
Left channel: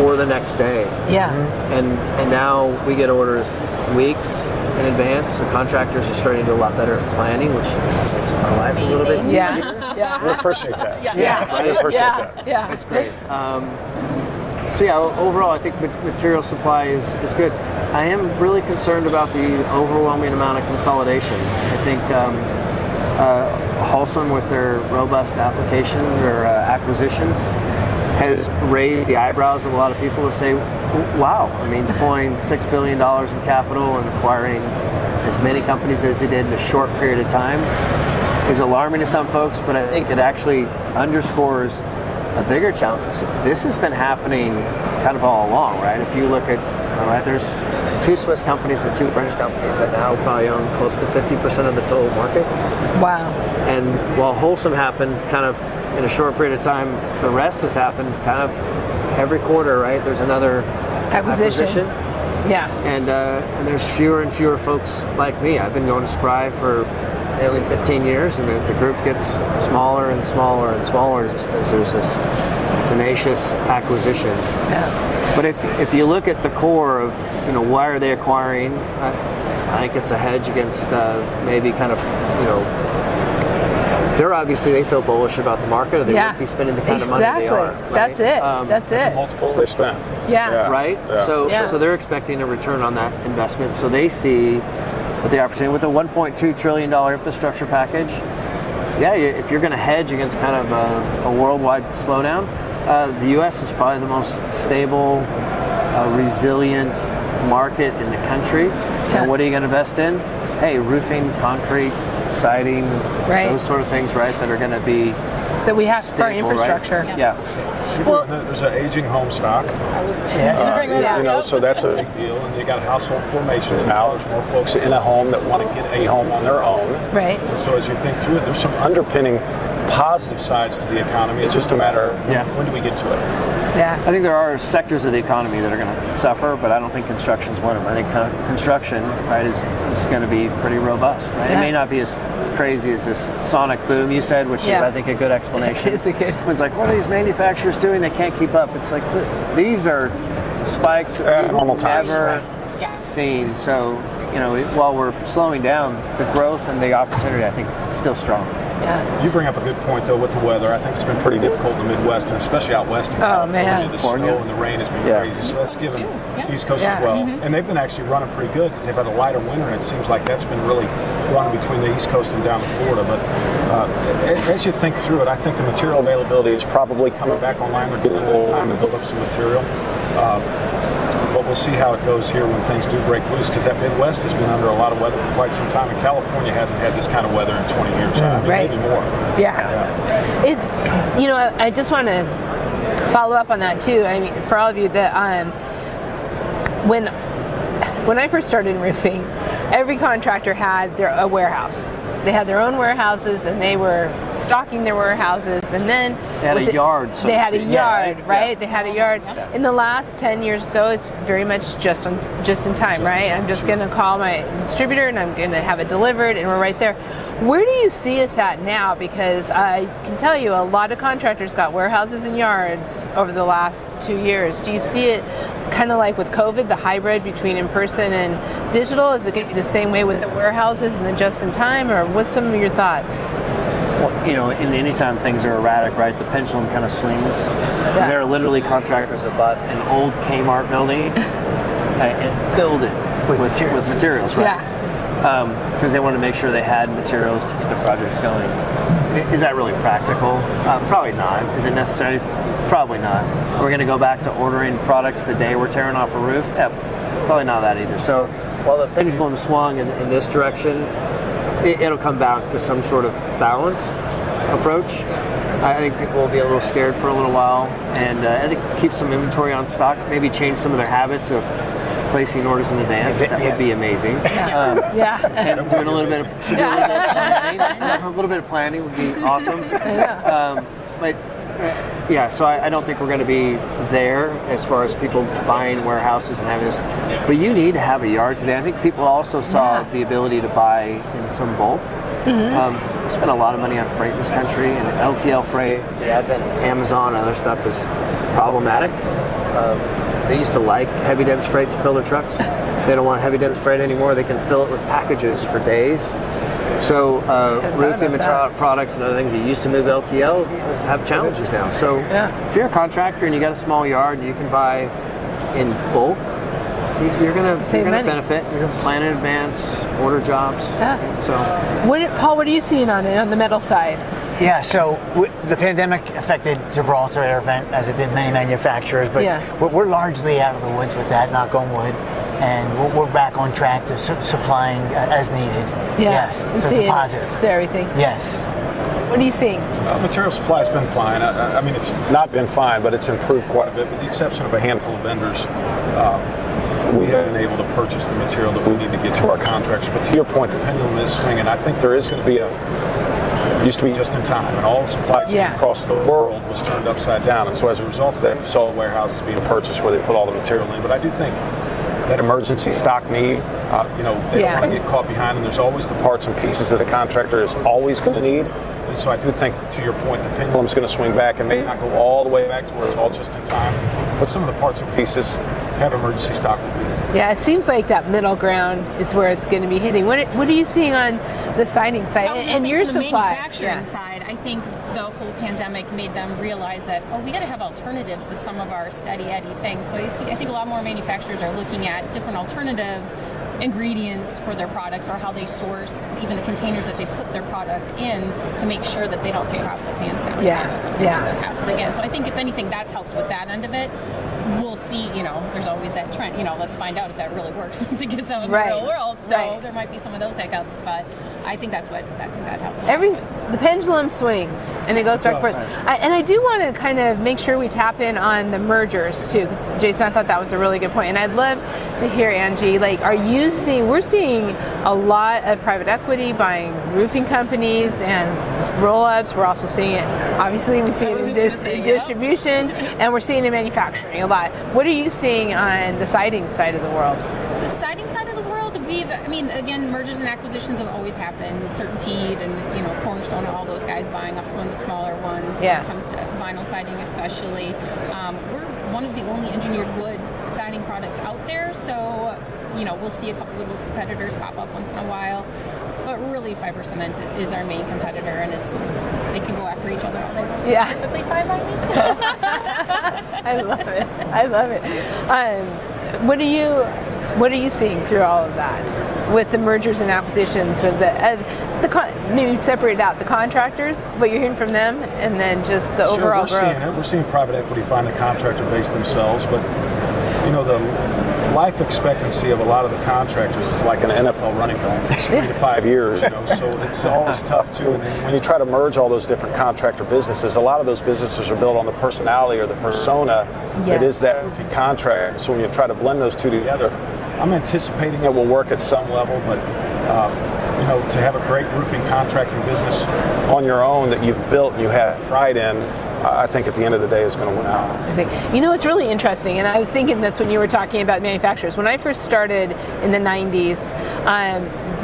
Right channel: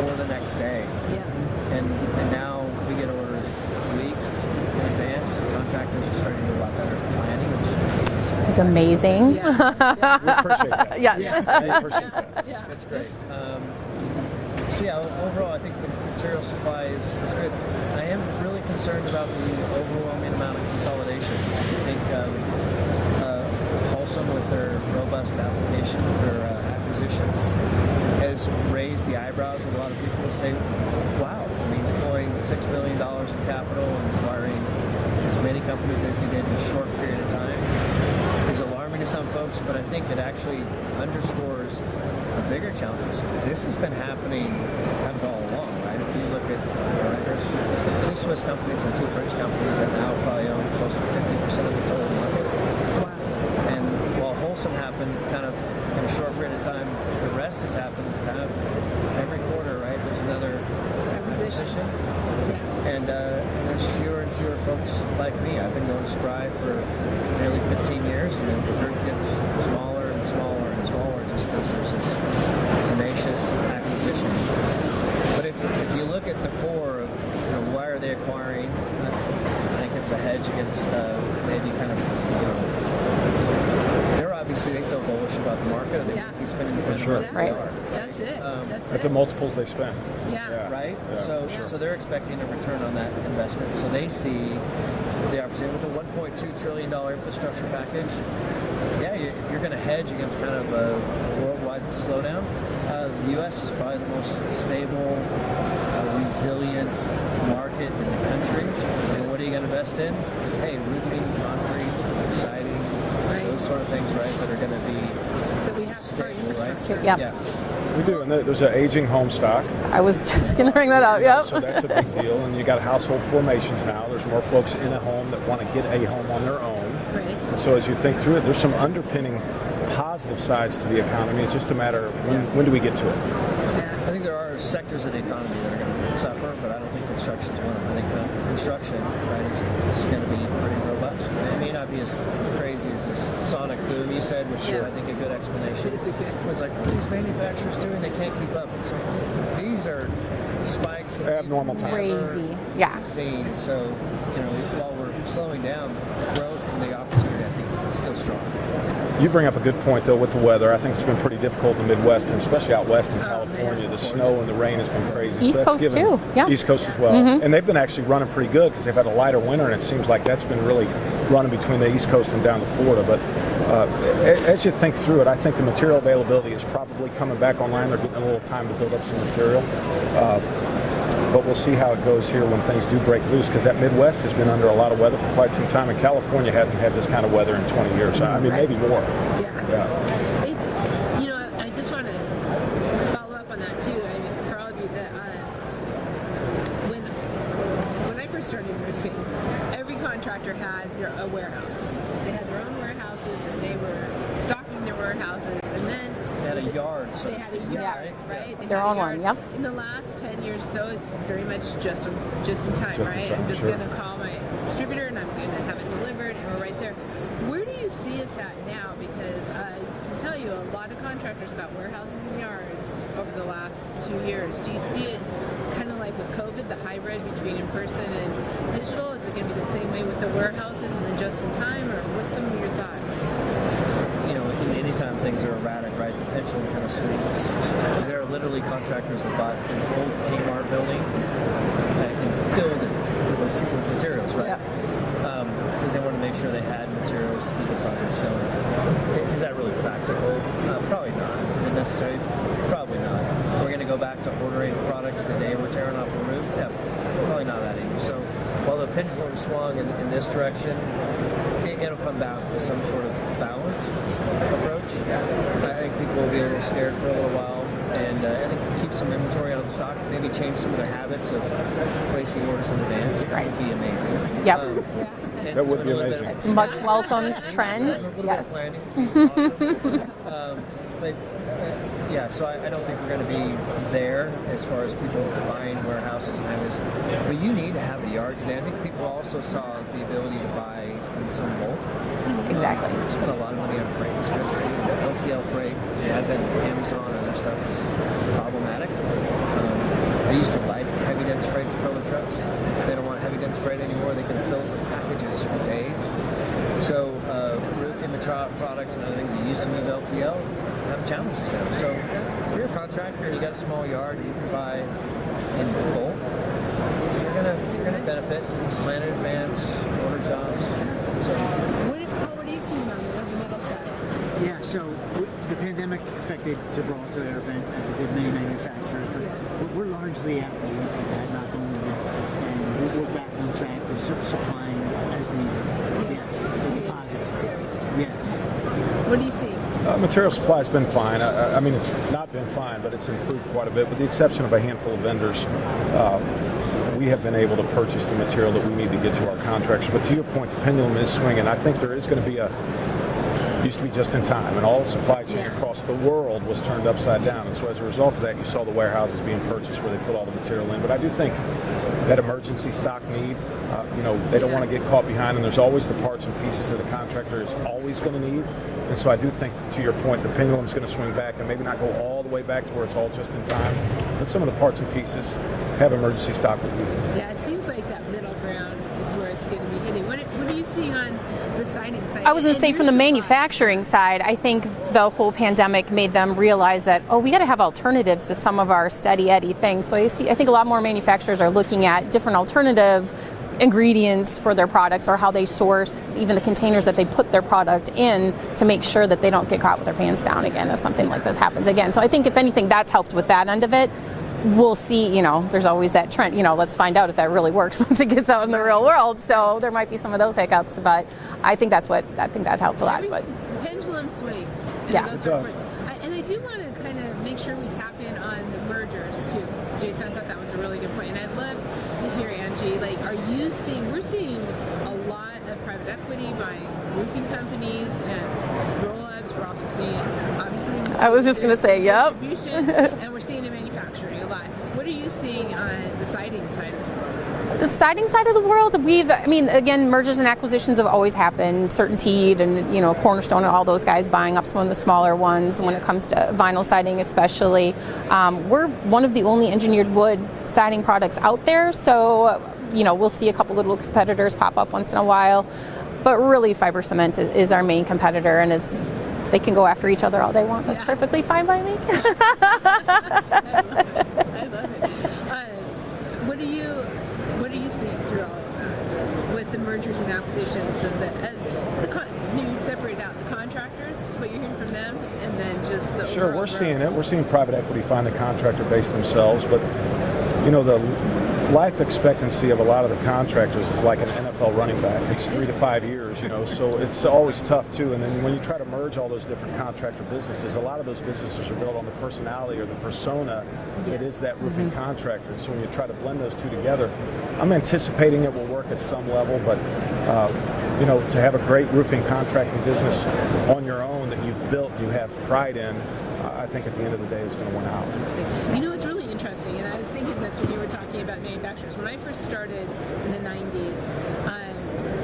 or the next day. Yeah. And now we get orders weeks in advance. So contractors are starting to do a lot better planning, which makes our It's life a little bit amazing. Yeah. We appreciate that. Yeah. We appreciate that. Yeah. It's great. So yeah, overall, I think material supply is good. I am really concerned about the overwhelming amount of consolidation. I think Holcim, with their robust application or acquisitions, has raised the eyebrows of a lot of people to say, wow, I mean, deploying $6 billion in capital and acquiring as many companies as they did in a short period of time is alarming to some folks, but I think it actually underscores a bigger challenge. This has been happening kind of all along, right? If you look at, there's 2 Swiss companies and 2 French companies that now probably own close to 50% of the total market. Wow. And while Holcim happened kind of in a short period of time, the rest has happened kind of every quarter, right? There's another acquisition. Yeah. And there's fewer and fewer folks like me. I've been going to Spry for nearly 15 years, and the group gets smaller and smaller and smaller just because there's this tenacious acquisition. Yeah. But if you look at the core of, why are they acquiring, I think it's a hedge against maybe kind of, they feel bullish about the market, or they wouldn't be spending the kind of money they are. Right? That's it. That's The it. multiples they spend. Yeah. Right? Yeah. So they're expecting a return on that investment. So they see the opportunity with a $1.2 trillion infrastructure package. Yeah, if you're going to hedge against kind of a worldwide slowdown, the U.S. is probably the most stable, resilient market in the country. Yeah. And what are you going to invest in? Hey, roofing, concrete, siding, those sort of things, right, that are going to be that we have for our stable, infrastructure. right? Yeah. Well- There's an aging home stock. I was just going to bring that up. Yep. So that's a big deal. And you got household formations now. There's more folks in a home that want to get a home on their own. Right. So as you think through it, there's some underpinning positive sides to the economy. It's just a matter of when do we get to it? Yeah. I think there are sectors of the economy that are going to suffer, but I don't think construction's one of them. I think construction, right, is going to be pretty robust. Right? Yeah. It may not be as crazy as this sonic boom you said, which is, I think, a good explanation. It is a good. It's like, what are these manufacturers doing? They can't keep up. It's like, these are spikes that we've normal times. never seen. So, while we're slowing down, the growth and the opportunity, I think, is still strong. Yeah. You bring up a good point, though, with the weather. I think it's been pretty difficult in the Midwest, and especially out west in California. Man. The Florida. snow and the rain has been crazy. East Coast too. Yeah. East Coast Yeah. as well. And they've been actually running pretty good because they've had a lighter winter, and it seems like that's been really running between the East Coast and down to Florida. But as you think through it, I think the material availability is probably coming back online. They're getting a little time to build up some material. But we'll see how it goes here when things do break loose, because that Midwest has been under a lot of weather for quite some time, and California hasn't had this kind of weather in 20 years. I mean, maybe more. Yeah. It's, I just want to follow up on that too. I mean, for all of you that, when I first started in roofing, every contractor had a warehouse. They had their own warehouses, and they were stocking their warehouses, and then They had a yard, so they to had a speak. yard, right? They They're had a all yard. on, yeah. In the last 10 years or so, it's very much just in time, right? I'm just going to call my distributor, and I'm going to have it delivered, and we're right there. Where do you see us at now? Because I can tell you, a lot of contractors got warehouses and yards over the last 2 years. Do you see it kind of like with COVID, the hybrid between in-person and digital? Is it going to be the same way with the warehouses and the just-in-time, or what's some of your thoughts? Well, in any time things are erratic, right? The pendulum kind of swings. And there are literally contractors that bought an old Kmart building and filled it with materials, right? Yeah. Because they want to make sure they had materials to keep the projects going. Is that really practical? Probably not. Is it necessary? Probably not. We're going to go back to ordering products the day we're tearing off a roof? Yeah, probably not that either. So while the pendulum swung in this direction, it'll come back to some sort of balanced approach. I think people will be a little scared for a little while, and I think keep some inventory on stock, maybe change some of their habits of placing orders in advance. That would be amazing. And doing a little bit of planning would be awesome. So I don't think we're going to be there as far as people buying warehouses and having this. But you need to have a yard today. I think people also saw the ability to buy in some bulk. We spend a lot of money on freight in this country, and LTL freight, the advent of Amazon and other stuff is problematic. They used to like heavy dense freight to fill their trucks. They don't want heavy dense freight anymore. They can fill it with packages for days. So roofing material products and other things that used to move LTL have challenges now. So if you're a contractor and you got a small yard, you can buy in bulk. You're gonna benefit. You're gonna plan in advance, order jobs. Yeah. So, Paul, what are you seeing on it on the metal side? Yeah, so the pandemic affected Gibraltar Air Vent as it did many manufacturers, but we're largely out of the woods with that, knock on wood, and we're back on track to supplying as needed. Yeah. Yes, You so see it's positive. It's everything. Yes. What are you seeing? Material supply's been fine. I mean, it's not been fine, but it's improved quite a bit, with the exception of a handful of vendors. We have been able to purchase the material that we need to get to our contractors. But to your point, the pendulum is swinging. I think there is going to be used to be just in time, and all the supply chain across the world was turned upside down. And so as a result of that, you saw warehouses being purchased where they put all the material in. But I do think that emergency stock need, they don't want to get caught behind, and there's always the parts and pieces that a contractor is always going to need. And so I do think, to your point, the pendulum's going to swing back and may not go all the way back to where it's all just in time, but some of the parts and pieces have emergency stock. Yeah, it seems like that middle ground is where it's going to be hitting. What are you seeing on the siding side? I was going to say, from the supply? manufacturing side, I think the whole pandemic made them realize that, we got to have alternatives to some of our steady Eddie things. So I think a lot more manufacturers are looking at different alternative ingredients for their products, or how they source even the containers that they put their product in, to make sure that they don't get caught with their pants down again if something like this happens again. So I think, if anything, that's helped with that end of it. We'll see, there's always that trend, let's find out if that really works once it gets out in the real world. So there might be some of those hiccups, but I think that helps a lot. The pendulum swings and it goes back and forth. And I do want to kind of make sure we tap in on the mergers too, because Jason, I thought that was a really good point. And I'd love to hear, Angie, we're seeing a lot of private equity buying roofing companies and roll-ups. We're also seeing it, obviously, we see it in distribution, and we're seeing it in manufacturing a lot. What are you seeing on the siding side of the world? The siding side of the world, again, mergers and acquisitions have always happened. CertainTeed and, Cornerstone and all those guys buying up some of the smaller ones when it comes to vinyl siding especially. We're one of the only engineered wood siding products out there, so, we'll see a couple little competitors pop up once in a while. But really, fiber cement is our main competitor, and they can go after each other all they want. It's perfectly fine by me. I love it. What are you seeing through all of that with the mergers and acquisitions of maybe separate out the contractors, what you're hearing from them, and then just the overall growth? Seeing it. We're seeing private equity find the contractor base themselves, but the life expectancy of a lot of the contractors is like an NFL running back. It's 3 to 5 years, so it's always tough too. And then when you try to merge all those different contractor businesses, a lot of those businesses are built on the personality or the persona that is that roofing contractor. So when you try to blend those two together, I'm anticipating it will work at some level, but to have a great roofing contracting business on your own that you've built and you have pride in, I think at the end of the day is going to win out. It's really interesting, and I was thinking this when you were talking about manufacturers. When I first started in the 90s,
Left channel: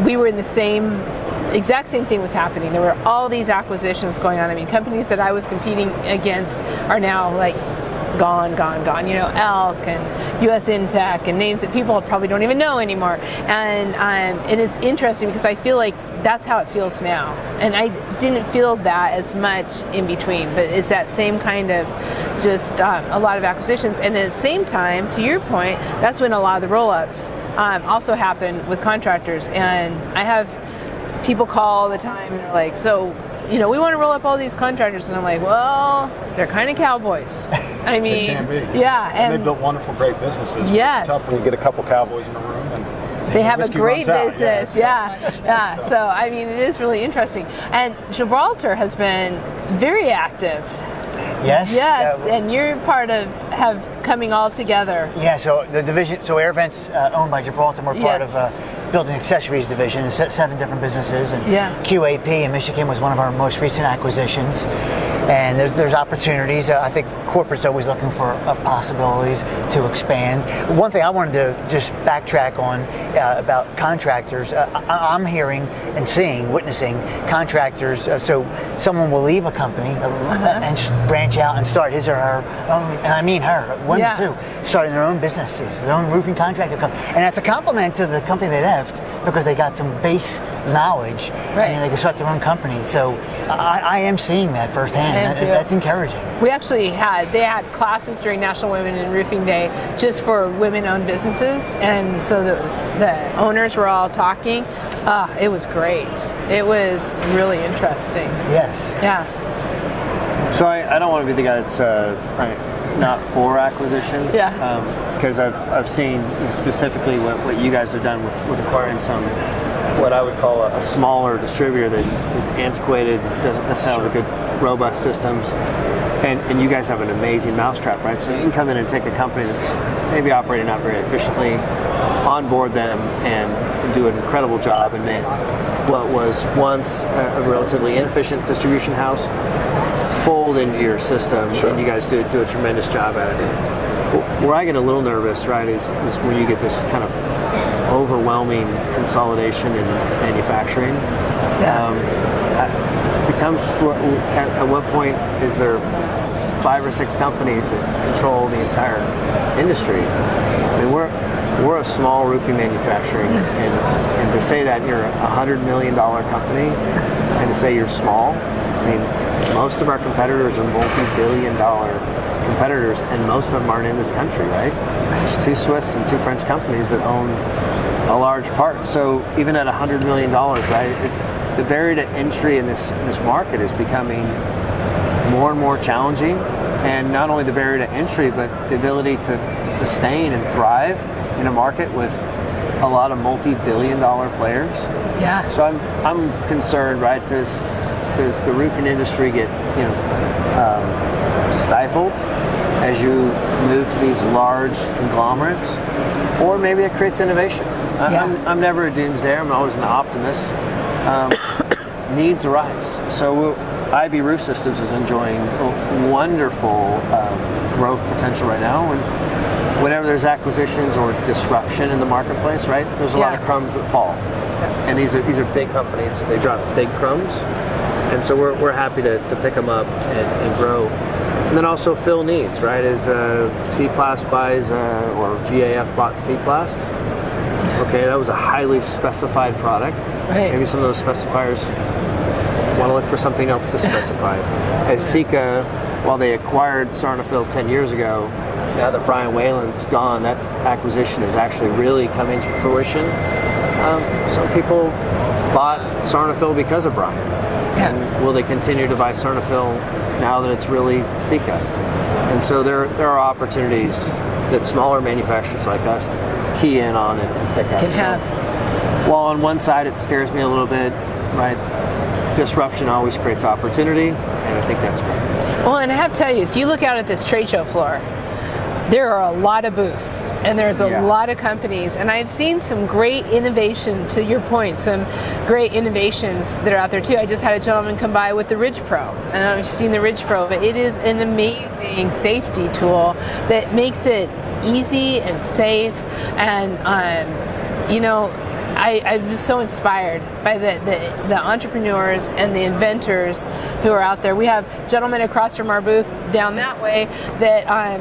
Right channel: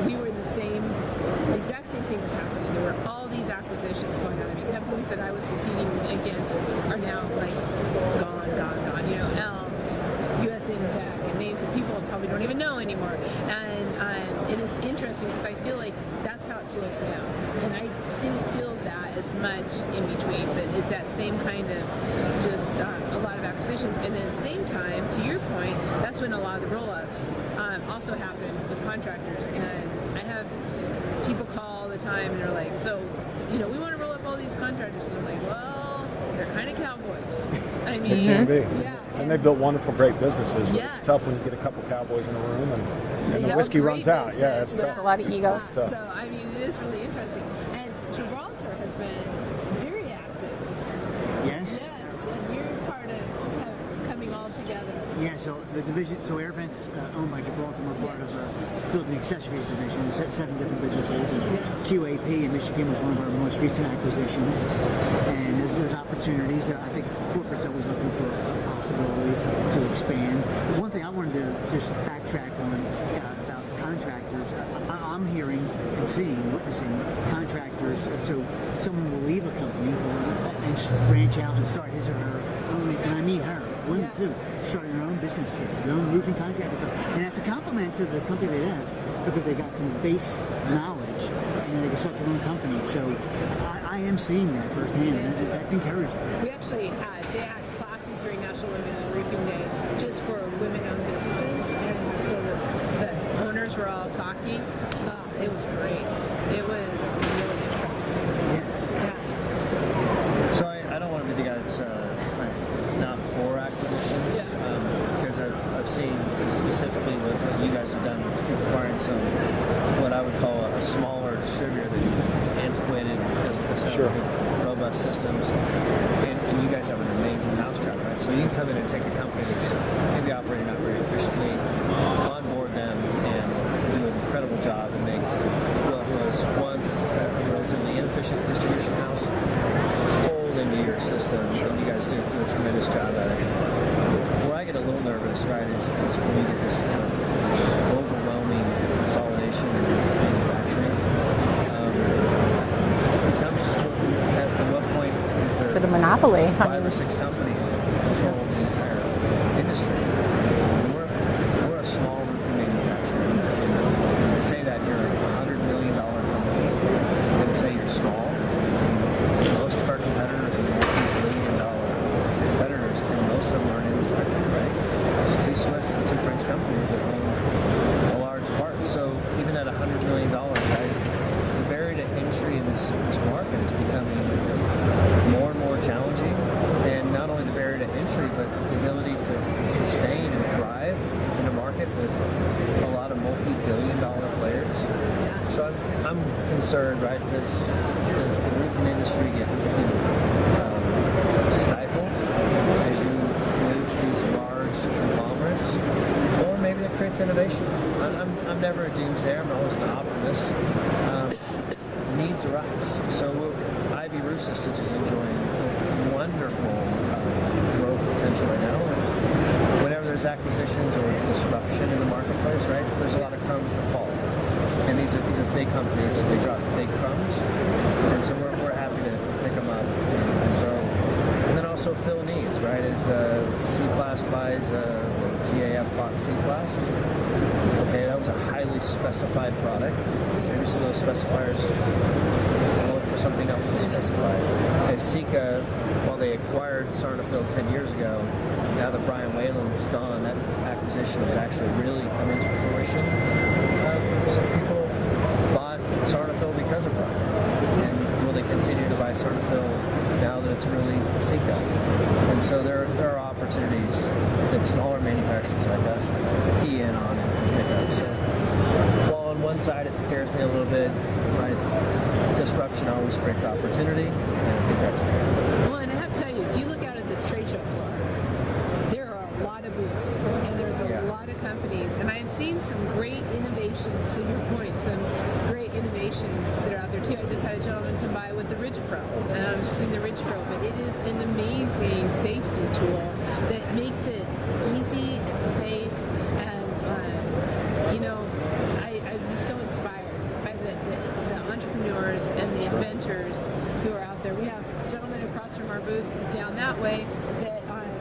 we were in the exact same thing was happening. There were all these acquisitions going on. Companies that I was competing against are now gone. Elk and US Intech and names that people probably don't even know anymore. And it's interesting because I feel like that's how it feels now. And I didn't feel that as much in between, but it's that same kind of just a lot of acquisitions. And at the same time, to your point, that's when a lot of the roll-ups also happen with contractors. And I have people call all the time and they're like, so, we want to roll up all these contractors. And I'm like, well, they're kind of cowboys. They can be. Yeah. And they built wonderful, great businesses. Yes. It's tough when you get a couple cowboys in a room and they have a great business. Yeah. So, it is really interesting. And Gibraltar has been very active. Yes. And you're part of coming all together. Yeah, so the division, Air Vent's owned by Gibraltar. We're part of building accessories division, 7 different businesses, and Yeah. QAP in Michigan was one of our most recent acquisitions. And there's opportunities. I think corporate's always looking for possibilities to expand. One thing I wanted to just backtrack on about contractors, I'm hearing and witnessing contractors. So someone will leave a company and branch out and start his or her own, and I mean her, women too, starting their own businesses, their own roofing contractor company. And that's a compliment to the company they left because they got some base knowledge and they can start their own company. So I am seeing that firsthand. That's encouraging. We actually they had classes during National Women in Roofing Day just for women-owned businesses, and so the owners were all talking. It was great. It was really interesting. Yes. Yeah. So I don't want to be the guy that's not for acquisitions. Because I've seen specifically what you guys have done with acquiring some, what I would call a smaller distributor that is antiquated, doesn't necessarily have good, robust systems. And you guys have an amazing mousetrap, right? So you can come in and take a company that's maybe operating not very efficiently, onboard them, and do an incredible job, and make what was once a relatively inefficient distribution house fold into your system, and you guys do a tremendous job at it. Where I get a little nervous, right, is when you get this kind of overwhelming consolidation in manufacturing. Becomes at what point is there It's like a monopoly. 5 or 6 companies that control the entire industry? I mean, we're a small roofing manufacturer, and to say that you're a $100 million company, and to say you're small, I mean, most of our competitors are multi-billion-dollar competitors, and most of them aren't in this country, right? There's 2 Swiss and 2 French companies that own a large part. So even at $100 million, right, the barrier to entry in this market is becoming more and more challenging. And not only the barrier to entry, but the ability to sustain and thrive in a market with a lot of multi-billion-dollar players. Yeah. So I'm concerned, right? Does the roofing industry get stifled as you move to these large conglomerates, or maybe it creates innovation? I'm never a doomsdayer. I'm always an optimist. Needs arise. So IB Roof Systems is enjoying wonderful growth potential right now. Whenever there's acquisitions or disruption in the marketplace, right? There's a lot of crumbs that fall, and these are big companies. They drop big crumbs, and so we're happy to pick them up and grow. And then also fill needs, right? As C-Plast buys or GAF bought C-Plast. Okay, that was a highly specified product. Right. Maybe some of those specifiers want to look for something else to specify. As Sika, while they acquired Sarnafil 10 years ago, now that Brian Whalen's gone, that acquisition is actually really coming to fruition. Some people bought Sarnafil because of Brian. And will they continue to buy Sarnafil now that it's really Sika? And so there are opportunities that smaller manufacturers like us key in on and pick up. So while on one side it scares me a little bit, right? Disruption always creates opportunity, and I think that's great. Well, and I have to tell you, if you look out at this trade show floor, there are a lot of booths, and there's a lot of companies, and I've seen some great innovation, to your point, some great innovations that are out there too. I just had a gentleman come by with the Ridge Pro. I don't know if you've seen the Ridge Pro, but it is an amazing safety tool that makes it easy and safe, and I'm just so inspired by the entrepreneurs and the inventors who are out there. We have gentlemen across from our booth down that way that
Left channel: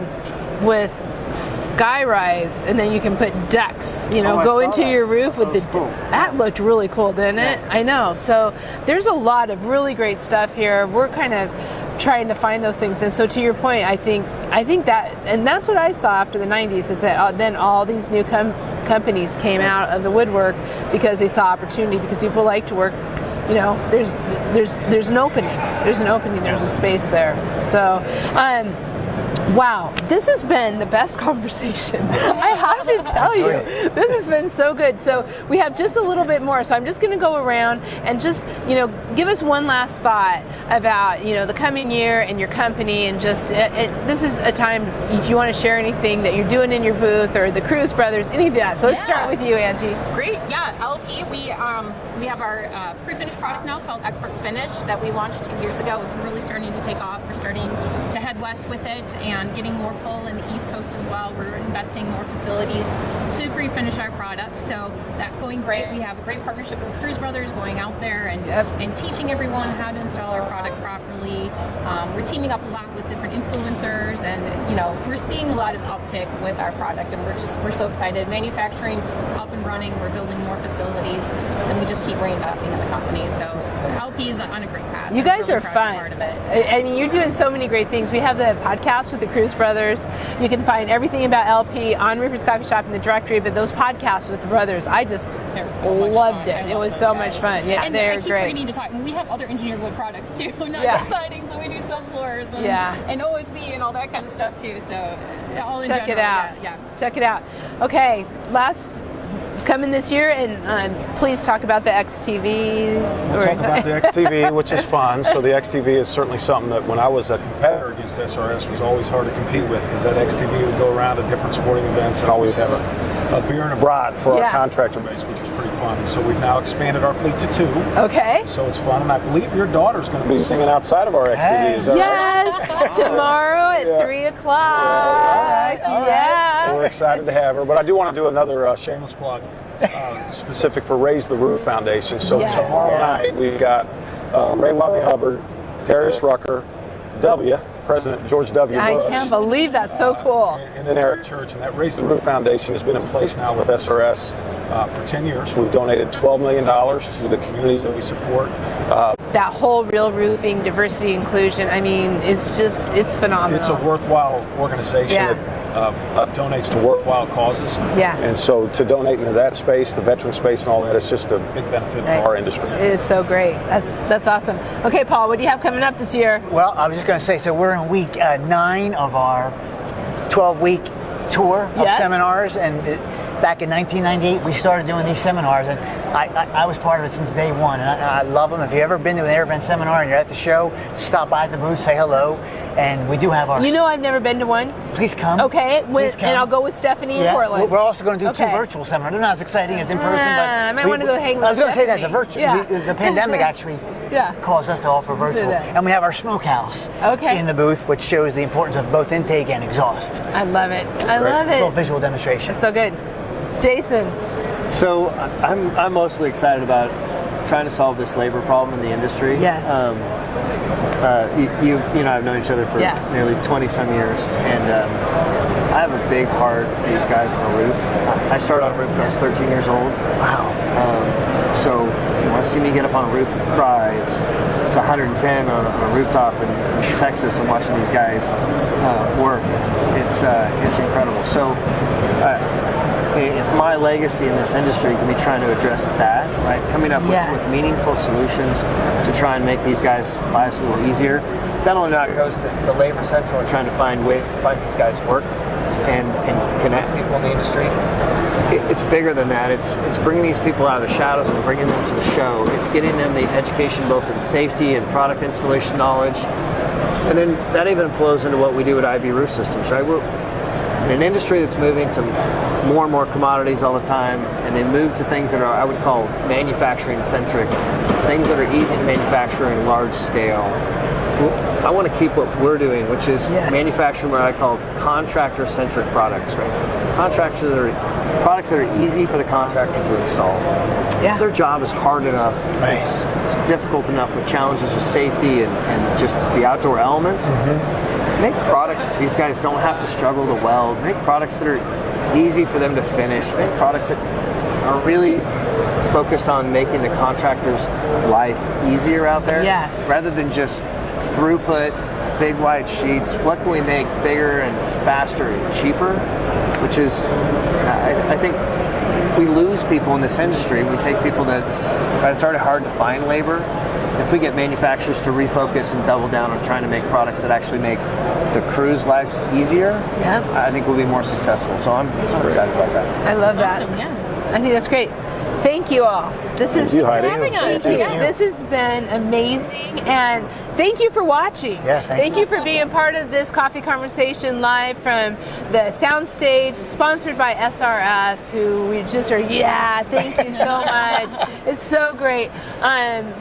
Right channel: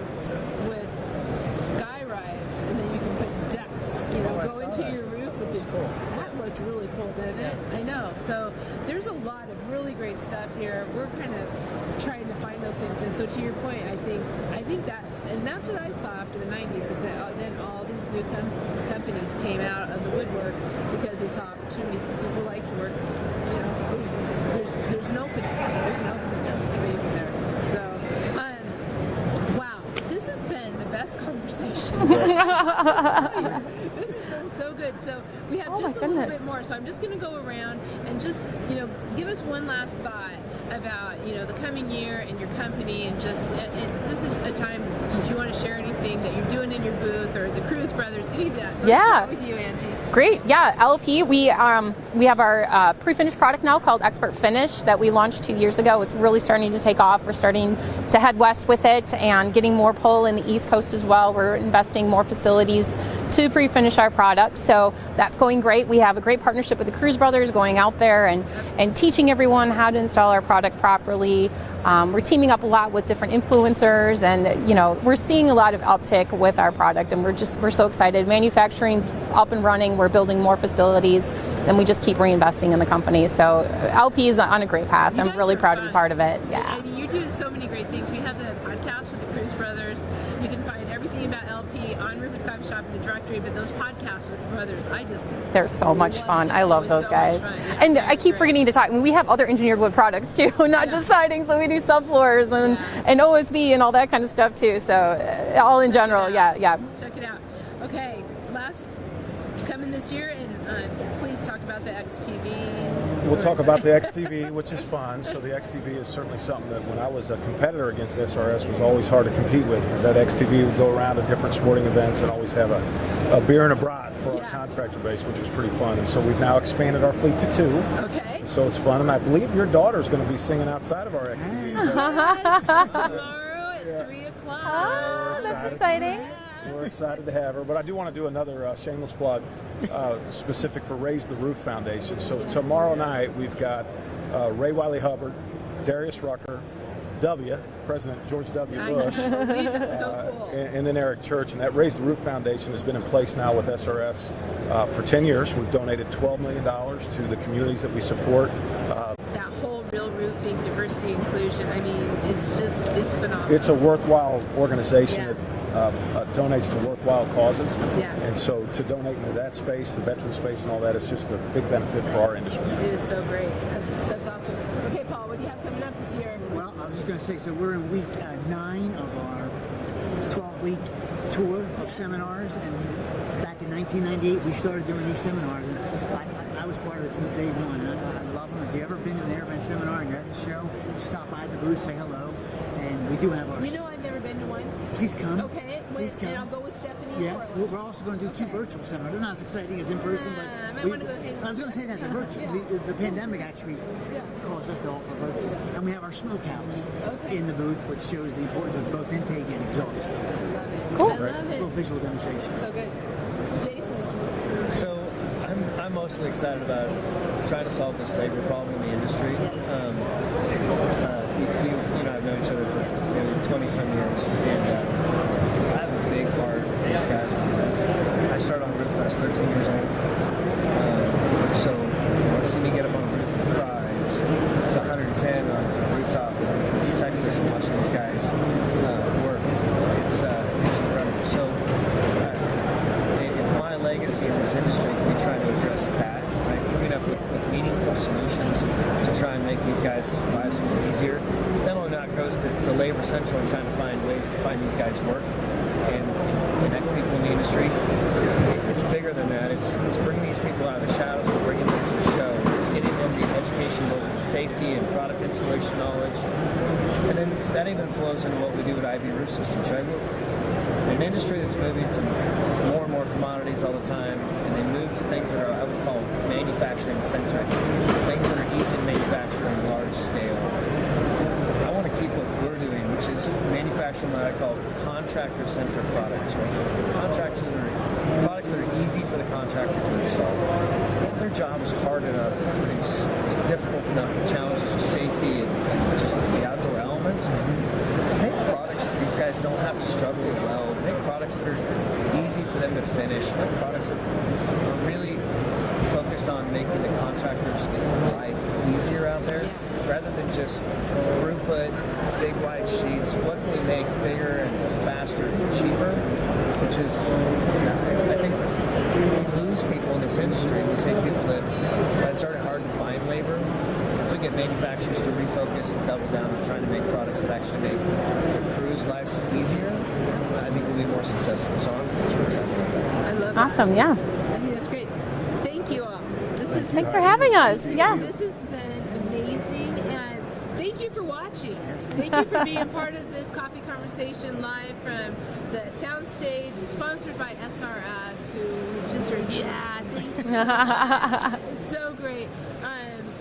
with Skyrise, and then you can put decks, go into your roof with the. Cool. That looked really cool, didn't it? I know. So there's a lot of really great stuff here. We're kind of trying to find those things, and so to your point, I think that, and that's what I saw after the 90s, is that then all these new companies came out of the woodwork because they saw opportunity, because people like to work. There's an opening. There's a space there. So. Wow, this has been the best conversation. I have to tell you, this has been so good. So we have just a little bit more. So I'm just going to go around and just, give us one last thought about, the coming year and your company, and just this is a time if you want to share anything that you're doing in your booth or the Cruz Brothers, any of that. So let's start with you, Angie. Great. Yeah, LP. We have our pre-finished product now called Expert Finish that we launched 2 years ago. It's really starting to take off. We're starting to head west with it and getting more pull in the East Coast as well. We're investing more facilities to pre-finish our product. So that's going great. We have a great partnership with the Cruz Brothers, going out there and teaching everyone how to install our product properly. We're teaming up a lot with different influencers, and we're seeing a lot of uptick with our product, and we're so excited. Manufacturing's up and running. We're building more facilities, and we just keep reinvesting in the company. So LP is on a great path. You I'm guys really are proud fun. to be part of it. I mean, you're doing so many great things. We have the podcast with the Cruz Brothers. You can find everything about LP on Rivers Coffee Shop in the directory, but those podcasts with the brothers, They're so much loved fun. it. I love it was those so guys. much fun. Yeah, And I keep great. forgetting to talk. I mean, we have other engineered wood products too, not just siding. So we do subfloors and OSB and all that kind of stuff too. So all in Check general, it out. yeah. Check it out. Okay, last coming this year, and please talk about the XTV. We'll talk about the XTV, which is fun. So the XTV is certainly something that when I was a competitor against SRS was always hard to compete with, because that XTV would go around to different sporting events and always have a beer and a brat for our contractor base, which was pretty fun. And so we've now expanded our fleet to 2. Okay. So it's fun, and I believe your daughter's going to be singing outside of our XTV. Is that right? Yes, tomorrow at 3 o'clock. Yeah. We're excited to have her, but I do want to do another shameless plug specific for Raise the Roof Foundation. So tomorrow night we've got Ray Wiley Hubbard, Darius Rucker, President George W. Bush. I can't believe that's so cool. And then Eric Church. And that Raise the Roof Foundation has been in place now with SRS for 10 years. We've donated $12 million to the communities that we support. That whole real roofing, diversity, inclusion, I mean, it's phenomenal. It's a worthwhile organization that donates to worthwhile causes. Yeah. And so to donate into that space, the veteran space and all that, it's just a big benefit for our industry. It is so great. That's awesome. Okay, Paul, what do you have coming up this year? Well, I was just going to say, so we're in week 9 of our 12-week tour of seminars, and back in 1998, we started doing these seminars, and I was part of it since day one, and I love them. If you've ever been to an air vent seminar and you're at the show, stop by at the booth, say hello, and we do have our... I've never been to one. Please come. Okay, Please come. and I'll go with Stephanie in Portland. We're also going to do 2 virtual seminars. They're not as exciting as in person, but... I might want to go hang with I was going to say that, Stephanie. the pandemic actually caused us to offer virtual. And we have our smokehouse in the booth, which shows the importance of both intake and exhaust. I love it. I love it. A little visual demonstration. So good. Jason. So I'm mostly excited about trying to solve this labor problem in the industry. Yes. You and I have known each other for nearly 20 some years, and I have a big heart for these guys on the roof. I started on a roof when I was 13 years old. Wow. So you want to see me get up on a roof and cry. It's 110 on a rooftop in Texas, and watching these guys work. It's incredible. So. If my legacy in this industry can be trying to address that, right, coming up with meaningful solutions to try and make these guys' lives a little easier, not only that goes to Labor Central and trying to find ways to find these guys work and connect people in the industry. It's bigger than that. It's bringing these people out of the shadows and bringing them to the show. It's getting them the education both in safety and product installation knowledge. And then that even flows into what we do at IB Roof Systems, right? We're in an industry that's moving to more and more commodities all the time, and they move to things that are, I would call, manufacturing-centric, things that are easy to manufacture in large scale. I want to keep what we're doing, which is manufacturing what I call contractor-centric products. Right? Products that are easy for the contractor to install. Yeah. Their job is hard enough. Right. It's difficult enough with challenges with safety and just the outdoor elements. Mm-hmm. Make products these guys don't have to struggle to weld. Make products that are easy for them to finish. Make products that are really focused on making the contractor's life easier out there. Yes. Rather than just throughput, big wide sheets. What can we make bigger and faster and cheaper? Which is, I think we lose people in this industry. We take people that, right, it's already hard to find labor. if we get manufacturers to refocus and double down on trying to make products that actually make the crew's lives easier, Yep. I think we'll be more successful. So I'm excited about that. I love that. Awesome, yeah. I think that's great. Thank you all. This is you, Heidi. having us. Thank yeah, you. this has been amazing, and thank you for watching. Yeah, thank you for being part of this coffee conversation live from the soundstage, sponsored by SRS, who we just are. Yeah, thank you so much. It's so great.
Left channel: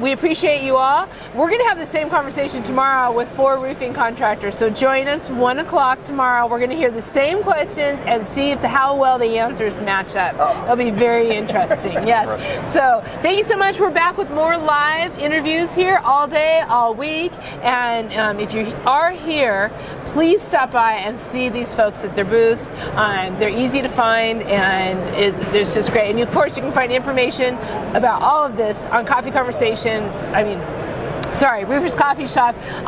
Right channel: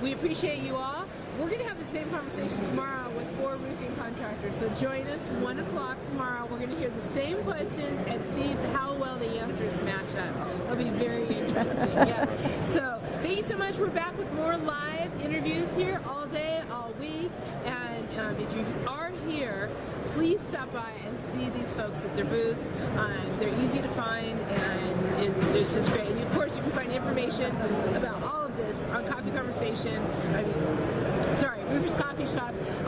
We appreciate you all. We're going to have the same conversation tomorrow with 4 roofing contractors. So join us 1 o'clock tomorrow. We're going to hear the same questions and see how well the answers match up. It'll be very interesting. Yes. So thank you so much. We're back with more live interviews here all day, all week. And if you are here, please stop by and see these folks at their booths. They're easy to find, and it's just great. And of course, you can find information about all of this on Coffee Conversations. Roofers Coffee Shop